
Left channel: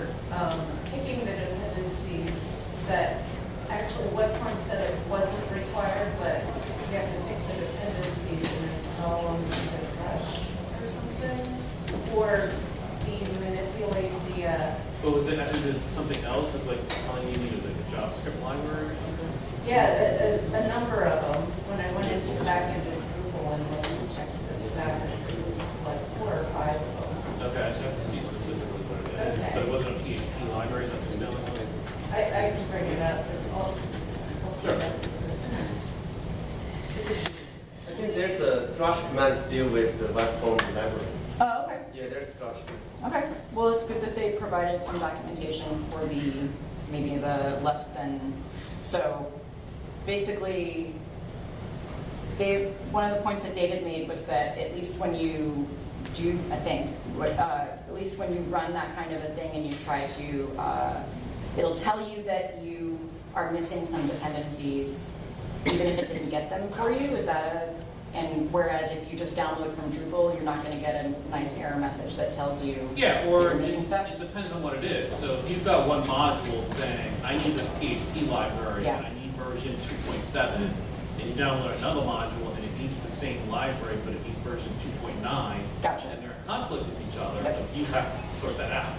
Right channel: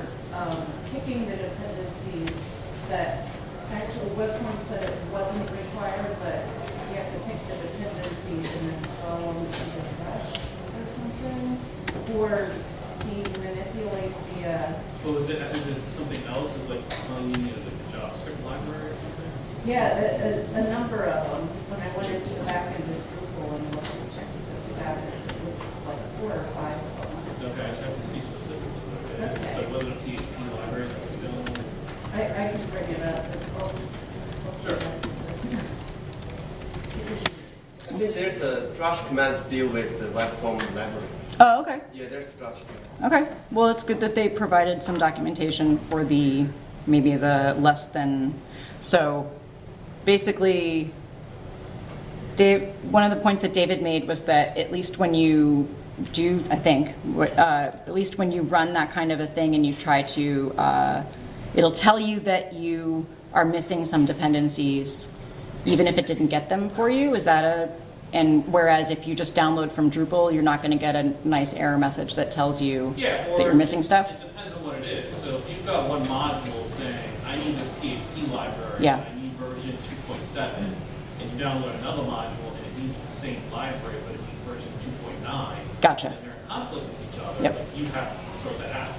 picking the dependencies that actual web form said it wasn't required, but you have to pick the dependencies and install them to the fresh or something, or do you manipulate the But is it something else? Is like calling you into the JavaScript library or something? Yeah, a number of them. When I went into back into Drupal and checked the status, it was like 4 or 5 of them. Okay, I have to see specifically what it is. Okay. So it wasn't a PHP library that's doing it? I can bring it up, but I'll see Sure. that. I think there's a drush command to deal with the web form library. Oh, okay. Yeah, there's a drush command. Okay. Well, it's good that they provided some documentation for maybe the less than. So basically, one of the points that David made was that at least when you do, I think, at least when you run that kind of a thing and you try to, it'll tell you that you are missing some dependencies, even if it didn't get them for you. And whereas if you just download from Drupal, you're not going to get a nice error message that tells you that you're missing stuff. It depends on what it is. So if you've got one module saying, I need this PHP library, Yeah. and I need version 2.7, and you download another module and it needs the same library, but it needs version 2.9, Gotcha. and they're in conflict with each other, Yep. you have to sort that out.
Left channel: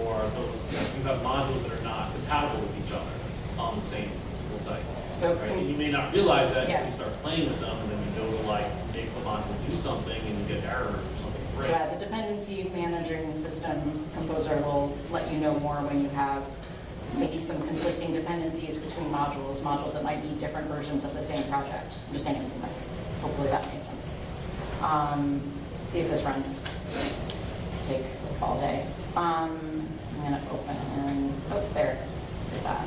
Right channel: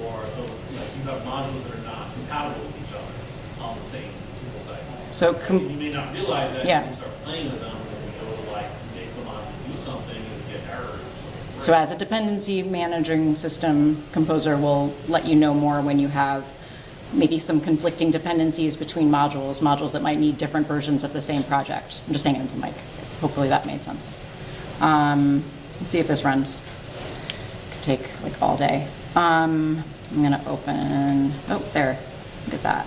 Or you have modules that are not compatible with each other on the same Drupal site. So And you may not realize that Yeah. until you start playing with them, and then you go to like make the module do something and you get errors or something. So as a dependency managing system, Composer will let you know more when you have maybe some conflicting dependencies between modules that might need different versions of the same project. I'm just saying it into the mic. Hopefully that made sense. Let's see if this runs. Could take like all day. I'm gonna open, there, look at that.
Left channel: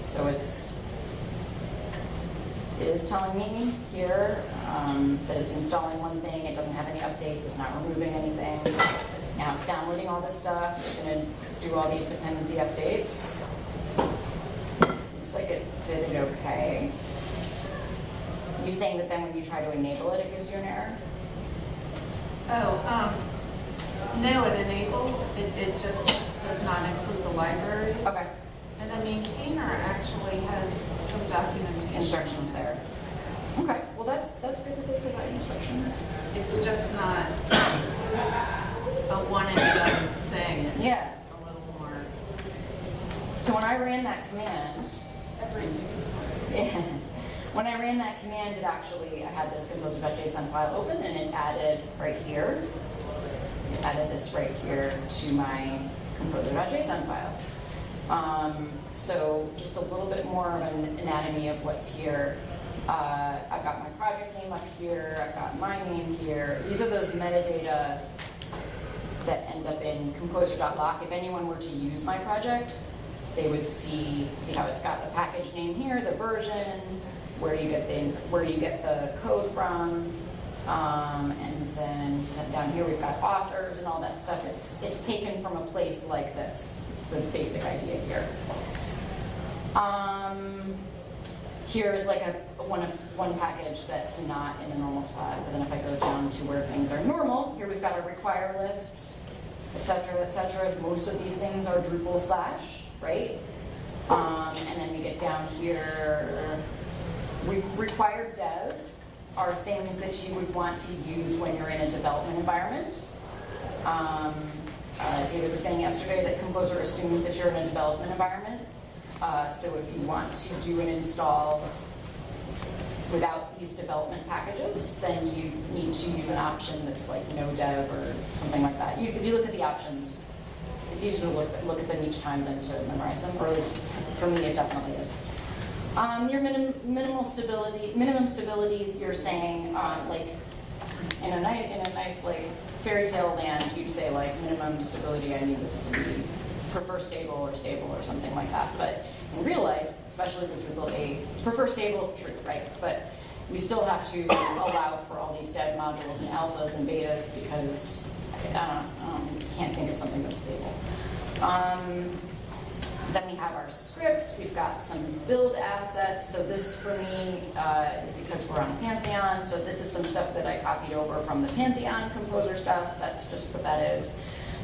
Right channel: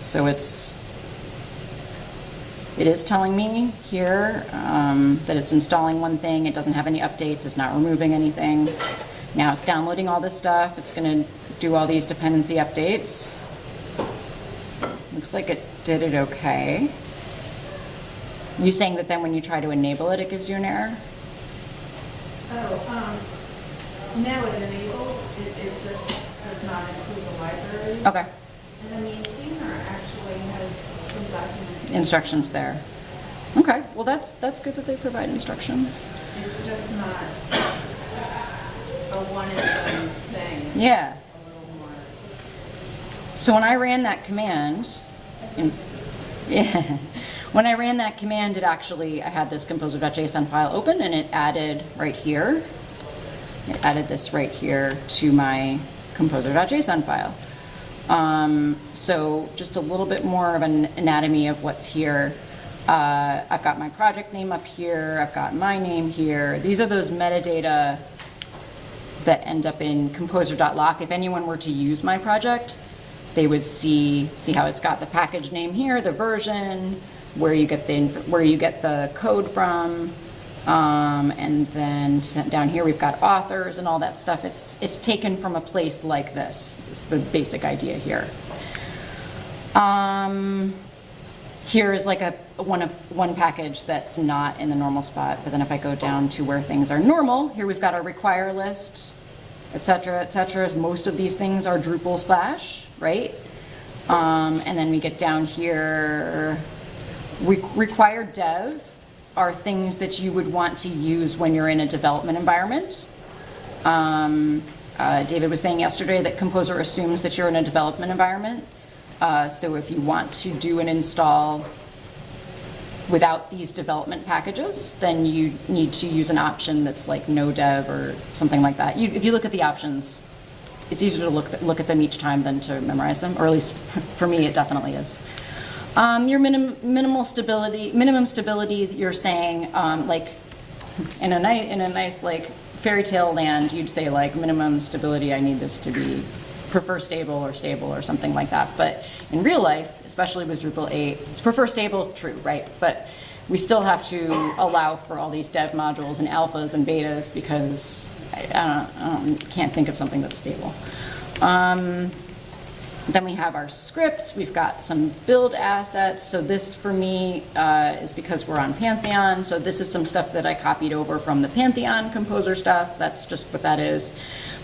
So it is telling me here that it's installing one thing, it doesn't have any updates, it's not removing anything. Now it's downloading all this stuff, it's gonna do all these dependency updates. Looks like it did it okay. You saying that then when you try to enable it, it gives you an error? Now it enables, it just does not include the libraries. Okay, And the maintainer actually has some documentation. instructions there. Okay, well that's good that they provide instructions. It's just not a one and done thing. It's Yeah. a little more. So when I ran that command, yeah, when I ran that command, I had this composer.json file open, and it added right here. It added this right here to my composer.json file. So just a little bit more of an anatomy of what's here. I've got my project name up here. I've got my name here. These are those metadata that end up in composer.lock. If anyone were to use my project, they would see how it's got the package name here, the version, where you get the code from, and then down here we've got authors and all that stuff. It's taken from a place like this. Is the basic idea here. Here is like one package that's not in the normal spot, but then if I go down to where things are normal, here we've got a require list, et cetera, most of these things are Drupal / right? And then we get down here, required dev are things that you would want to use when you're in a development environment. David was saying yesterday that Composer assumes that you're in a development environment. So if you want to do an install without these development packages, then you need to use an option that's like no dev or something like that. If you look at the options, it's easier to look at them each time than to memorize them, or at least for me it definitely is. Your minimum stability, you're saying like in a nice like fairy tale land, you'd say like minimum stability, I need this to be prefer stable or something like that. But in real life, especially with Drupal 8, it's prefer stable, true, right? But we still have to allow for all these dev modules and alphas and betas because I can't think of something that's stable. Then we have our scripts. We've got some build assets. So this for me is because we're on Pantheon. So this is some stuff that I copied over from the Pantheon Composer stuff. That's just what that is.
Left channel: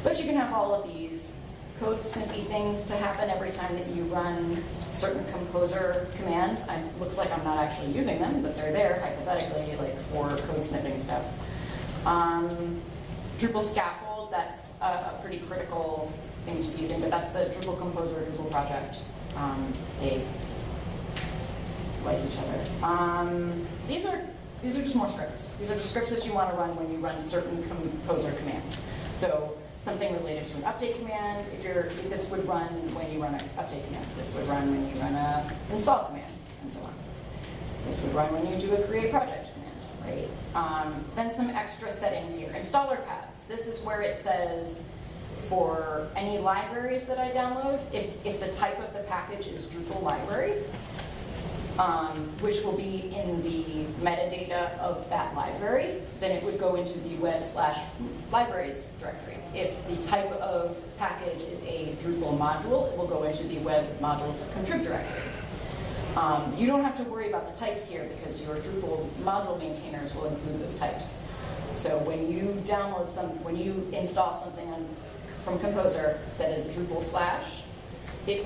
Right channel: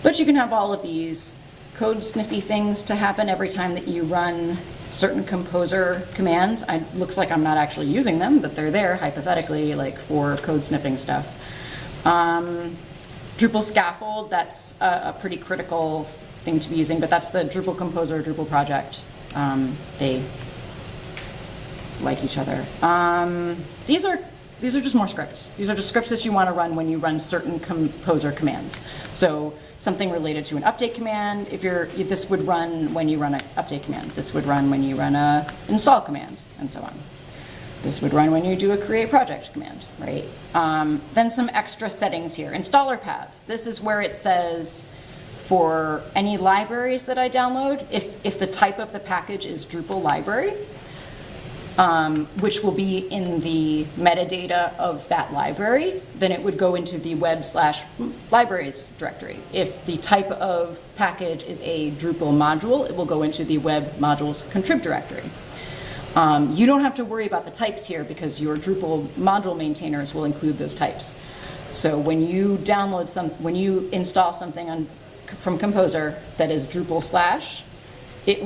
But you can have all of these code sniffy things to happen every time that you run certain Composer commands. It looks like I'm not actually using them, but they're there hypothetically, like for code sniffing stuff. Drupal scaffold, that's a pretty critical thing to be using, but that's the Drupal Composer, Drupal project. They like each other. These are just more scripts. These are just scripts that you want to run when you run certain Composer commands. So something related to an update command, this would run when you run an update command. This would run when you run a install command, and so on. This would run when you do a create project command, right? Then some extra settings here. Installer paths. This is where it says for any libraries that I download, if the type of the package is Drupal library, which will be in the metadata of that library, then it would go into the web/libraries directory. If the type of package is a Drupal module, it will go into the web modules contrib directory. You don't have to worry about the types here because your Drupal module maintainers will include those types. So when you install something from Composer that is Drupal /, it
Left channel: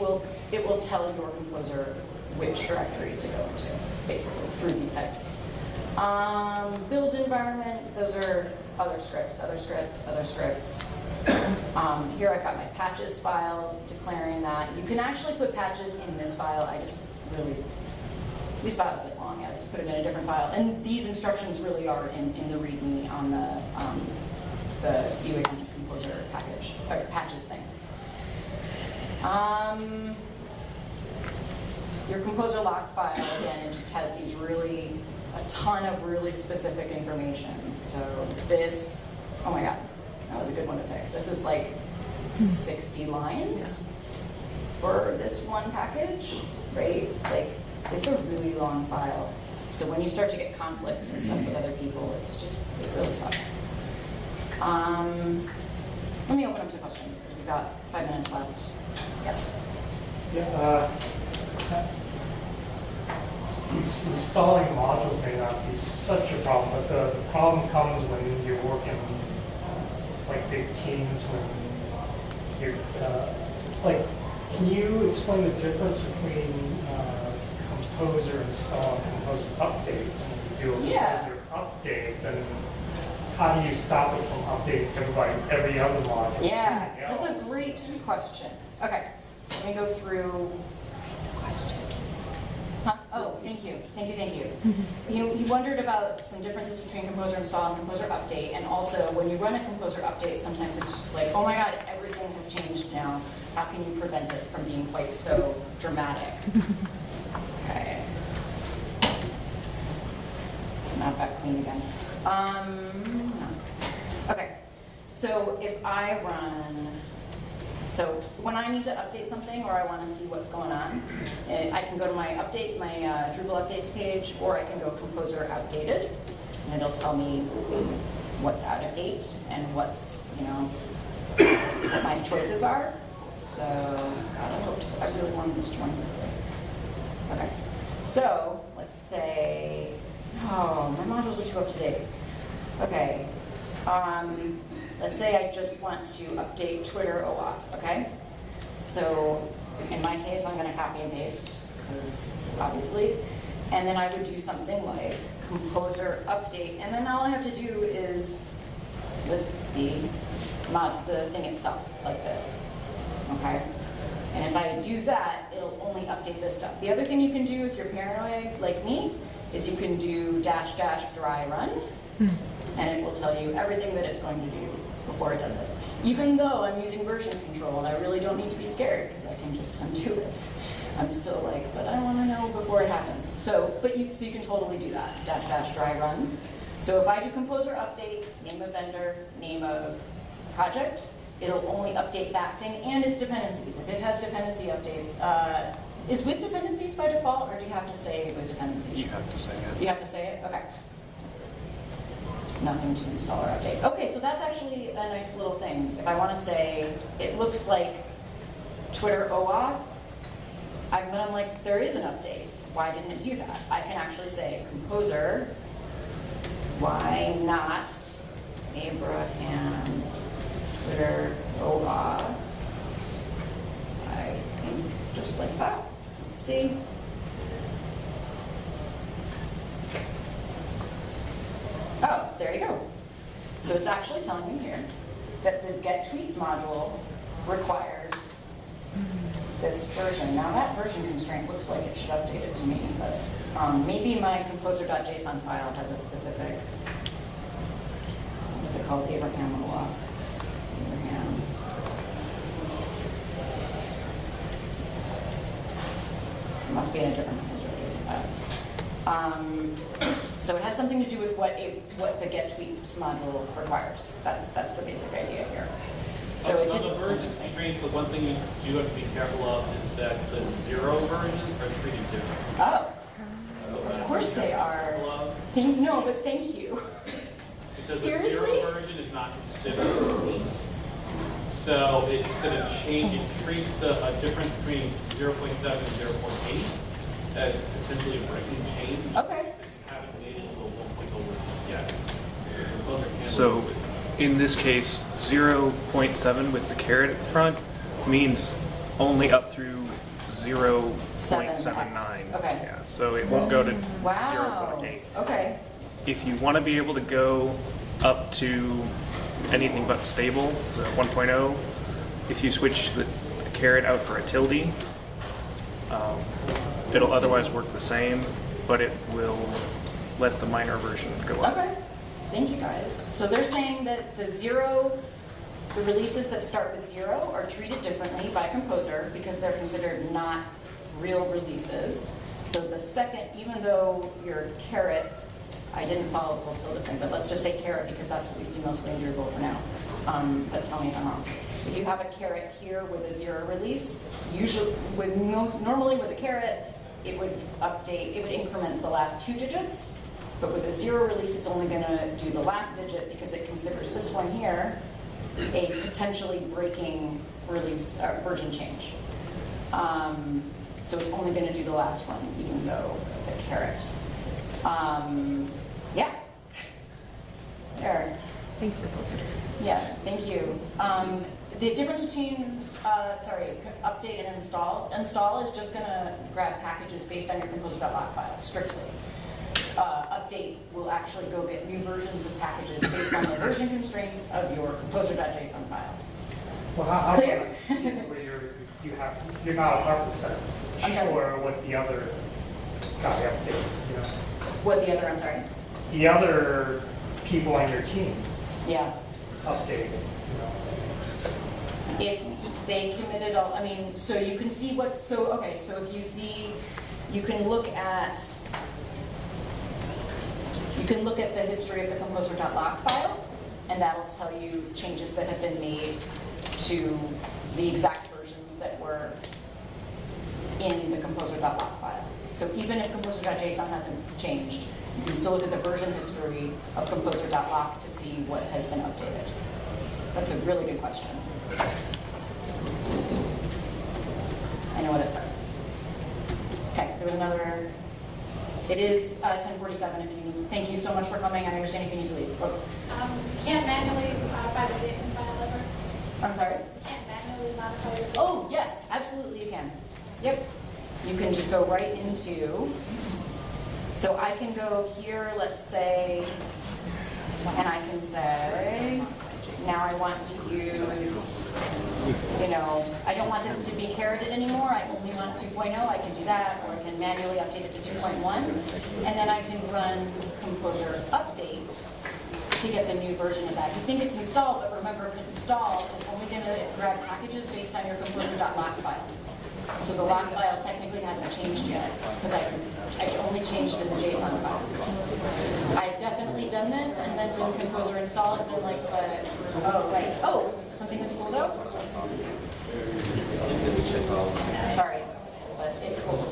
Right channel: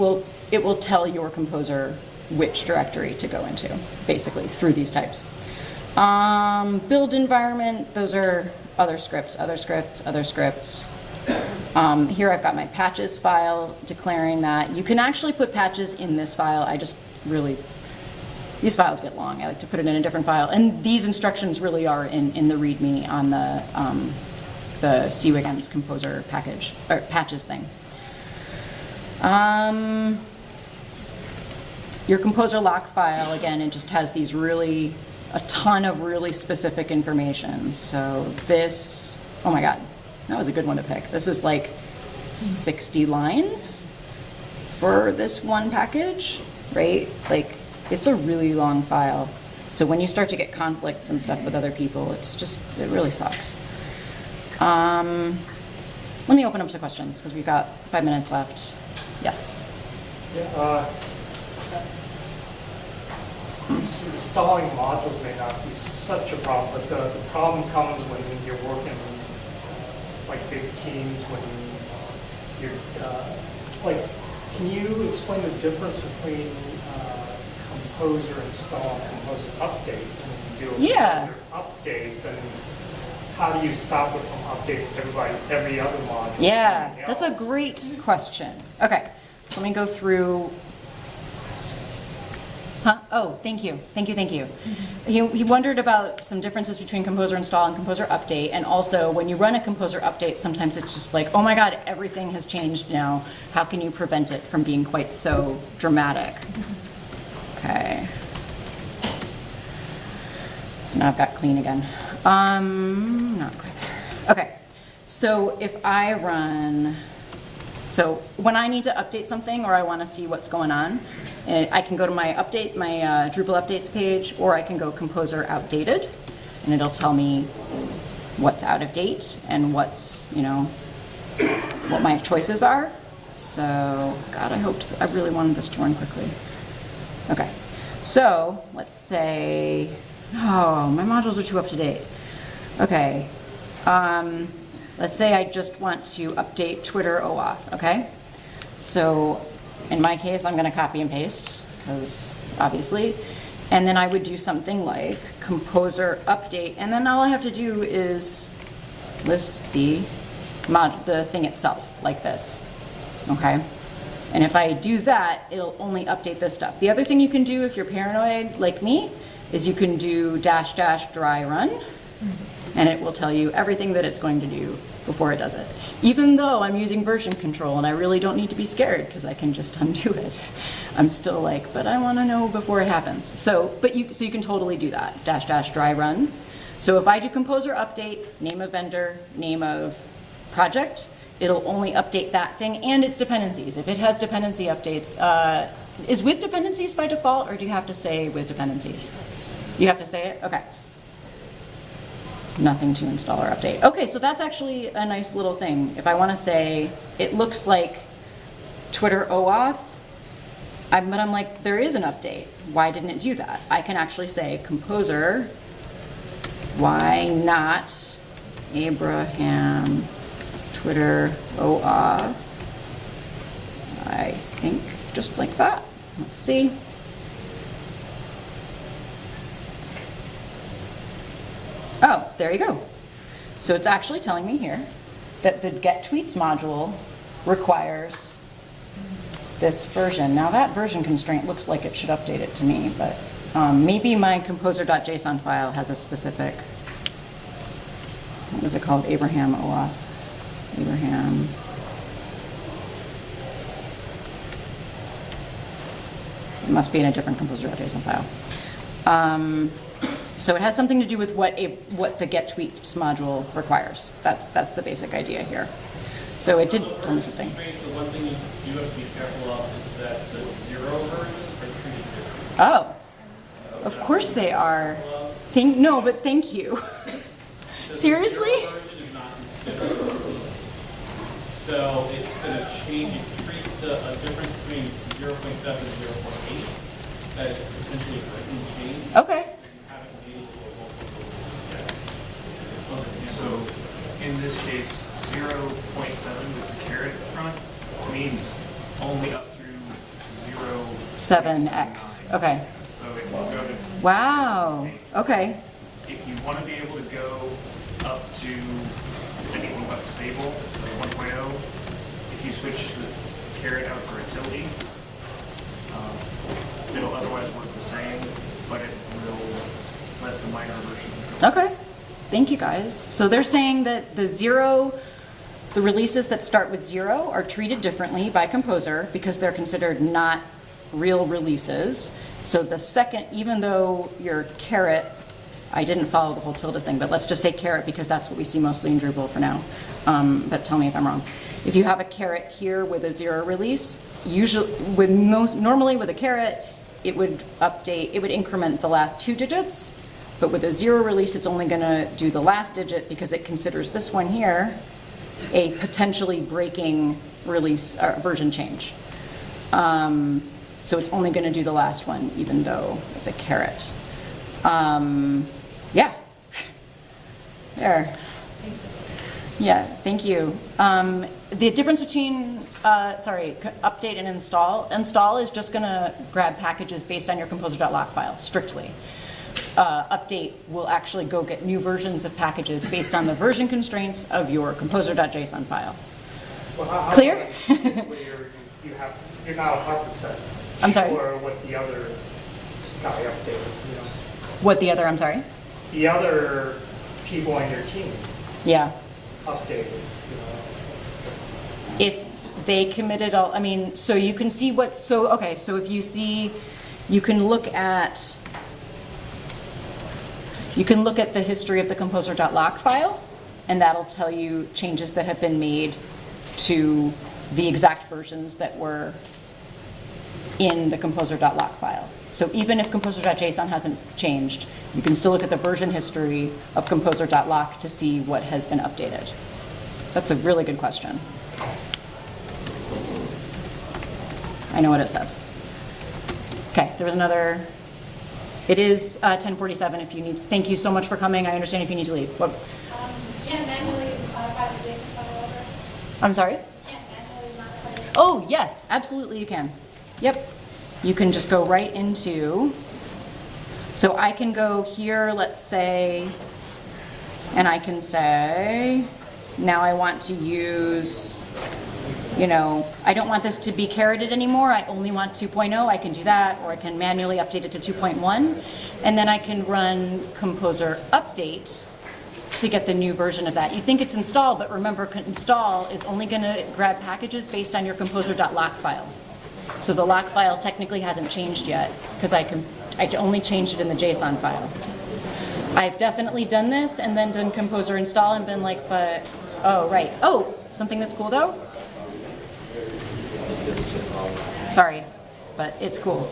will tell your Composer which directory to go into, basically, through these types. Build environment, those are other scripts. Here I've got my patches file declaring that. You can actually put patches in this file. These files get long. I like to put it in a different file. And these instructions really are in the README on the CWiggins Composer package, or patches thing. Your Composer lock file, again, it just has these a ton of really specific information. So this, oh my God, that was a good one to pick. This is like 60 lines for this one package, right? Like, it's a really long file. So when you start to get conflicts and stuff with other people, it really sucks. Let me open up to questions because we've got 5 minutes left. Yes. Yeah, installing modules may not be such a problem, but the problem comes when you're working like big teams when you're, like, can you explain the difference between Composer install and Composer update? When you do a Yeah. Composer update, then how do you stop it from updating every other module? Yeah, Everything that's a else? great question. Okay, let me go through. Huh? Oh, thank you. He wondered about some differences between Composer install and Composer update, and also when you run a Composer update, sometimes it's just like, oh my God, everything has changed now. How can you prevent it from being quite so dramatic? Okay. So now I've got clean again. Not quite there. Okay, so if I run, so when I need to update something or I want to see what's going on, I can go to my Drupal updates page, or I can go Composer outdated, and it'll tell me what's out of date and what's, what my choices are. So, God, I really wanted this to run quickly. Okay, so let's say, oh, my modules are too up to date. Okay, let's say I just want to update Twitter OAuth, okay? So in my case, I'm gonna copy and paste, because obviously, and then I would do something like Composer update, and then all I have to do is list the thing itself, like this, okay? And if I do that, it'll only update this stuff. The other thing you can do if you're paranoid like me is you can do -- dry run, and it will tell you everything that it's going to do before it does it. Even though I'm using version control and I really don't need to be scared because I can just undo it. I'm still like, but I want to know before it happens. So you can totally do that, -- dry run. So if I do Composer update, name of vendor, name of project, it'll only update that thing and its dependencies. If it has dependency updates, is with dependencies by default, or do you have to say with dependencies? You have to say it? Okay. Nothing to install or update. Okay, so that's actually a nice little thing. If I want to say, it looks like Twitter OAuth, but I'm like, there is an update. Why didn't it do that? I can actually say, Composer, why not Abraham Twitter OAuth? I think just like that. Let's see. Oh, there you go. So it's actually telling me here that the get tweets module requires this version. Now that version constraint looks like it should update it to me, but maybe my composer.json file has a specific, what was it called? Abraham OAuth. Abraham. It must be in a different composer.json file. So it has something to do with what the get tweets module requires. That's the basic idea here. So it did tell me something. The one thing you have to be careful of is that the 0 versions are treated differently. Oh, of course they are. No, but thank you. Because Seriously? The 0 version is not considered a release. So it's going to change, it treats a difference between 0.7 and 0.8 as potentially a breaking change. Okay. So in this case, 0.7 with the caret in front means only up through 7x. Okay. Yeah, so it won't go to Wow. 0.8. Okay. If you want to be able to go up to anything but stable, 1.0, if you switch the caret out for a tilde, it'll otherwise work the same, but it will let the minor version go up. Okay. Thank you guys. So they're saying that the releases that start with 0 are treated differently by Composer because they're considered not real releases. So the second, even though your caret, I didn't follow the whole tilde thing, but let's just say caret because that's what we see mostly in Drupal for now. But tell me if I'm wrong. If you have a caret here with a 0 release, normally with a caret, it would increment the last 2 digits. But with a 0 release, it's only going to do the last digit because it considers this one here a potentially breaking release version change. So it's only going to do the last one, even though it's a caret. Yeah. There. Thanks. Yeah, thank you. The difference between, update and install. Install is just gonna grab packages based on your composer.lock file, strictly. Update will actually go get new versions of packages based on the version constraints of your composer.json file. Well, how Clear? about you're not 100% I'm sorry? sure what the other guy updated, you know? What the other, I'm sorry? The other people on your team Yeah. updated, you know? If they committed all, I mean, so you can see what, so, okay, so if you see, you can look at the history of the composer.lock file, and that'll tell you changes that have been made to the exact versions that were in the composer.lock file. So even if composer.json hasn't changed, you can still look at the version history of composer.lock to see what has been updated. That's a really good question. I know what it says. Okay, there was another. It is 10:47 if you need to. Thank you so much for coming. I understand if you need to leave. But, Can't manually modify the JSON file ever? I'm sorry? Can't manually modify it? Oh, yes, absolutely you can. Yep. You can just go right into, so I can go here, let's say, and I can say, now I want to use, you know, I don't want this to be carroted anymore, I only want 2.0, I can do that, or I can manually update it to 2.1, and then I can run composer update to get the new version of that. You think it's installed, but remember, install is only going to grab packages based on your composer.lock file. So the lock file technically hasn't changed yet, because I only changed it in the JSON file. I've definitely done this and then done composer install and been like, but, oh, right. Oh, something that's cool though? Sorry, but it's cool.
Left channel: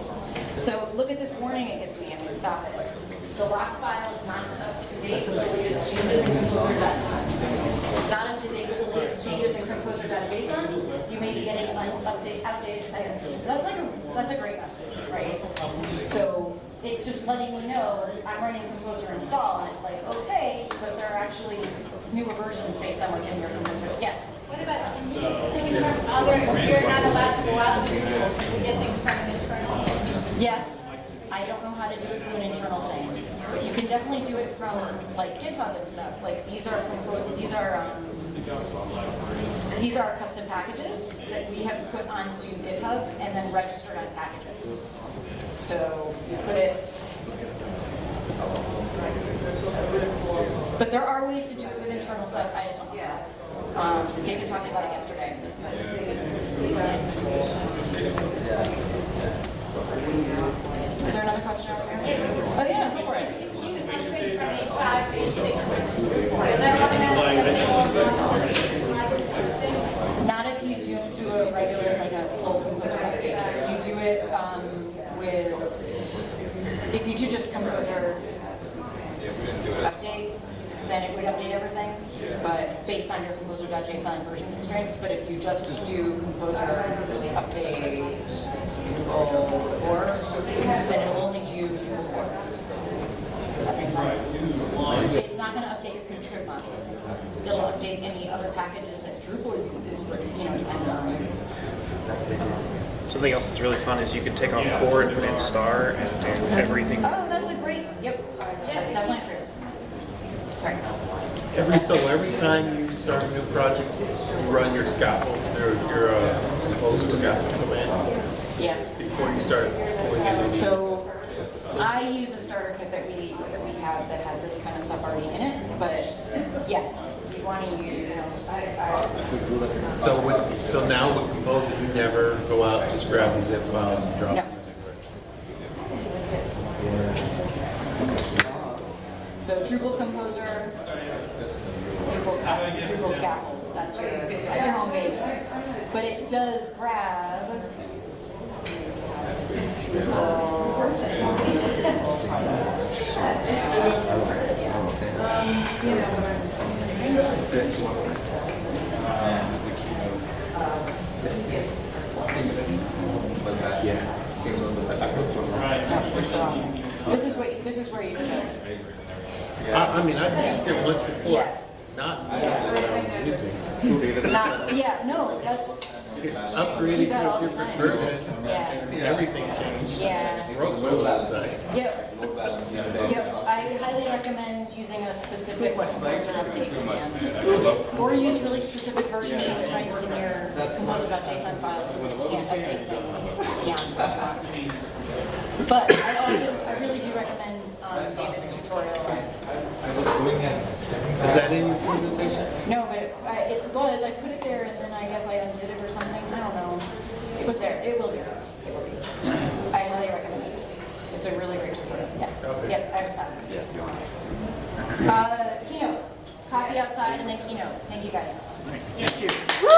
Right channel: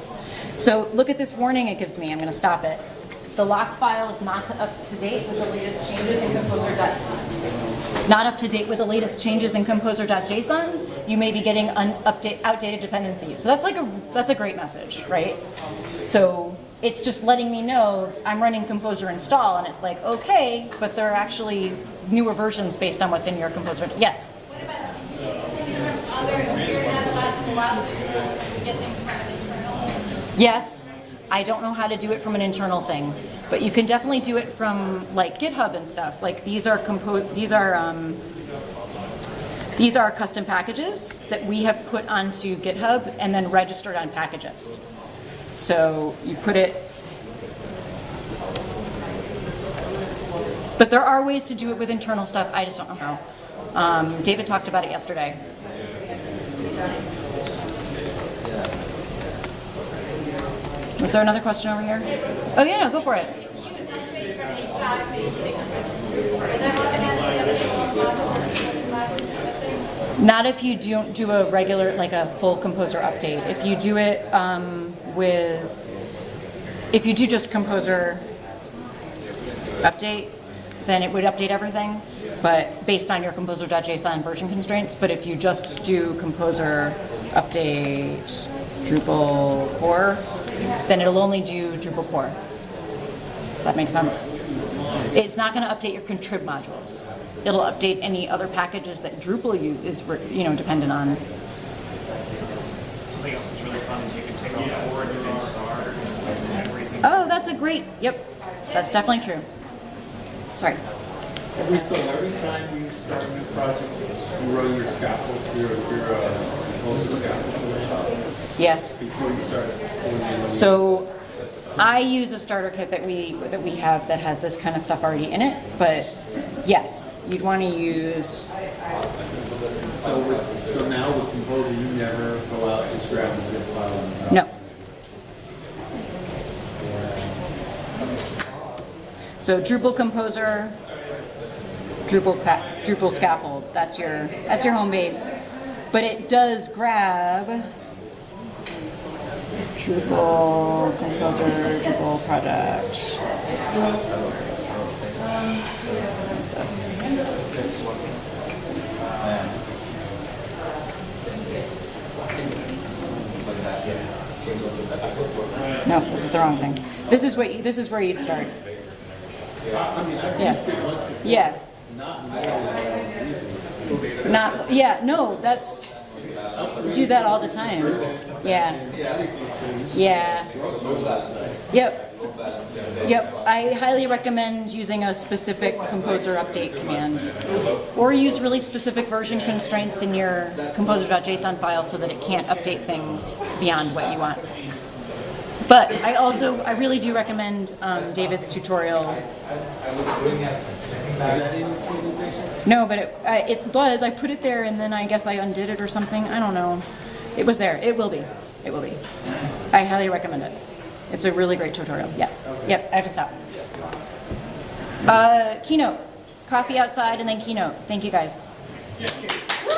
So look at this warning it gives me. I'm going to stop it. The lock file is not up to date with the latest changes in composer.json. Not up to date with the latest changes in composer.json. You may be getting outdated dependencies. So that's a great message, right? So it's just letting me know I'm running composer install, and it's like, okay, but there are actually newer versions based on what's in your composer. Yes. What about things from other, you're not allowed to go out to get things from an internal? Yes. I don't know how to do it from an internal thing, but you can definitely do it from like GitHub and stuff. Like these are custom packages that we have put onto GitHub and then registered on Packagist. So you put it, but there are ways to do it with internal stuff. I just don't know how. David talked about it yesterday. Was there another question over here? Oh yeah, no, go for it. Not if you do a regular, like a full composer update. If you do it if you do just composer update, then it would update everything, but based on your composer.json version constraints. But if you just do composer update Drupal core, then it'll only do Drupal core. Does that make sense? It's not going to update your contrib modules. It'll update any other packages that Drupal is dependent on. Something else that's really fun is you can take off core and put in star and everything. Oh, that's a great, yep, that's definitely true. Sorry. Every time you start a new project, you run your scaffold, your composer scaffold command Yes. before you start. So I use a starter kit that we have that has this kind of stuff already in it, but yes, you'd want to use. So now with Composer, you never go out, just grab the zip files and drop No. them. So Drupal Composer, Drupal Scaffold. That's your home base, but it does grab Drupal Composer, Drupal Project. What's this? No, this is the wrong thing. This is where you'd start. I mean, I've used it once before. Yeah. not what I was using. Not, yeah, no, that's, Upgraded do that to a all the different time. version, Yeah. and everything changed. Yeah. On the mobile side. Yep. Yep, I highly recommend using a specific composer update command. Or use really specific version constraints in your composer.json file so that it can't update things beyond what you want. But I really do recommend David's tutorial. Is that in the presentation? No, but it was, I put it there and then I guess I undid it or something, I don't know. It was there, it will be, it will be. I highly recommend it. It's a really great tutorial, yeah. Yep, I have to stop. Keynote, coffee outside and then keynote. Thank you guys. Yeah. Woo!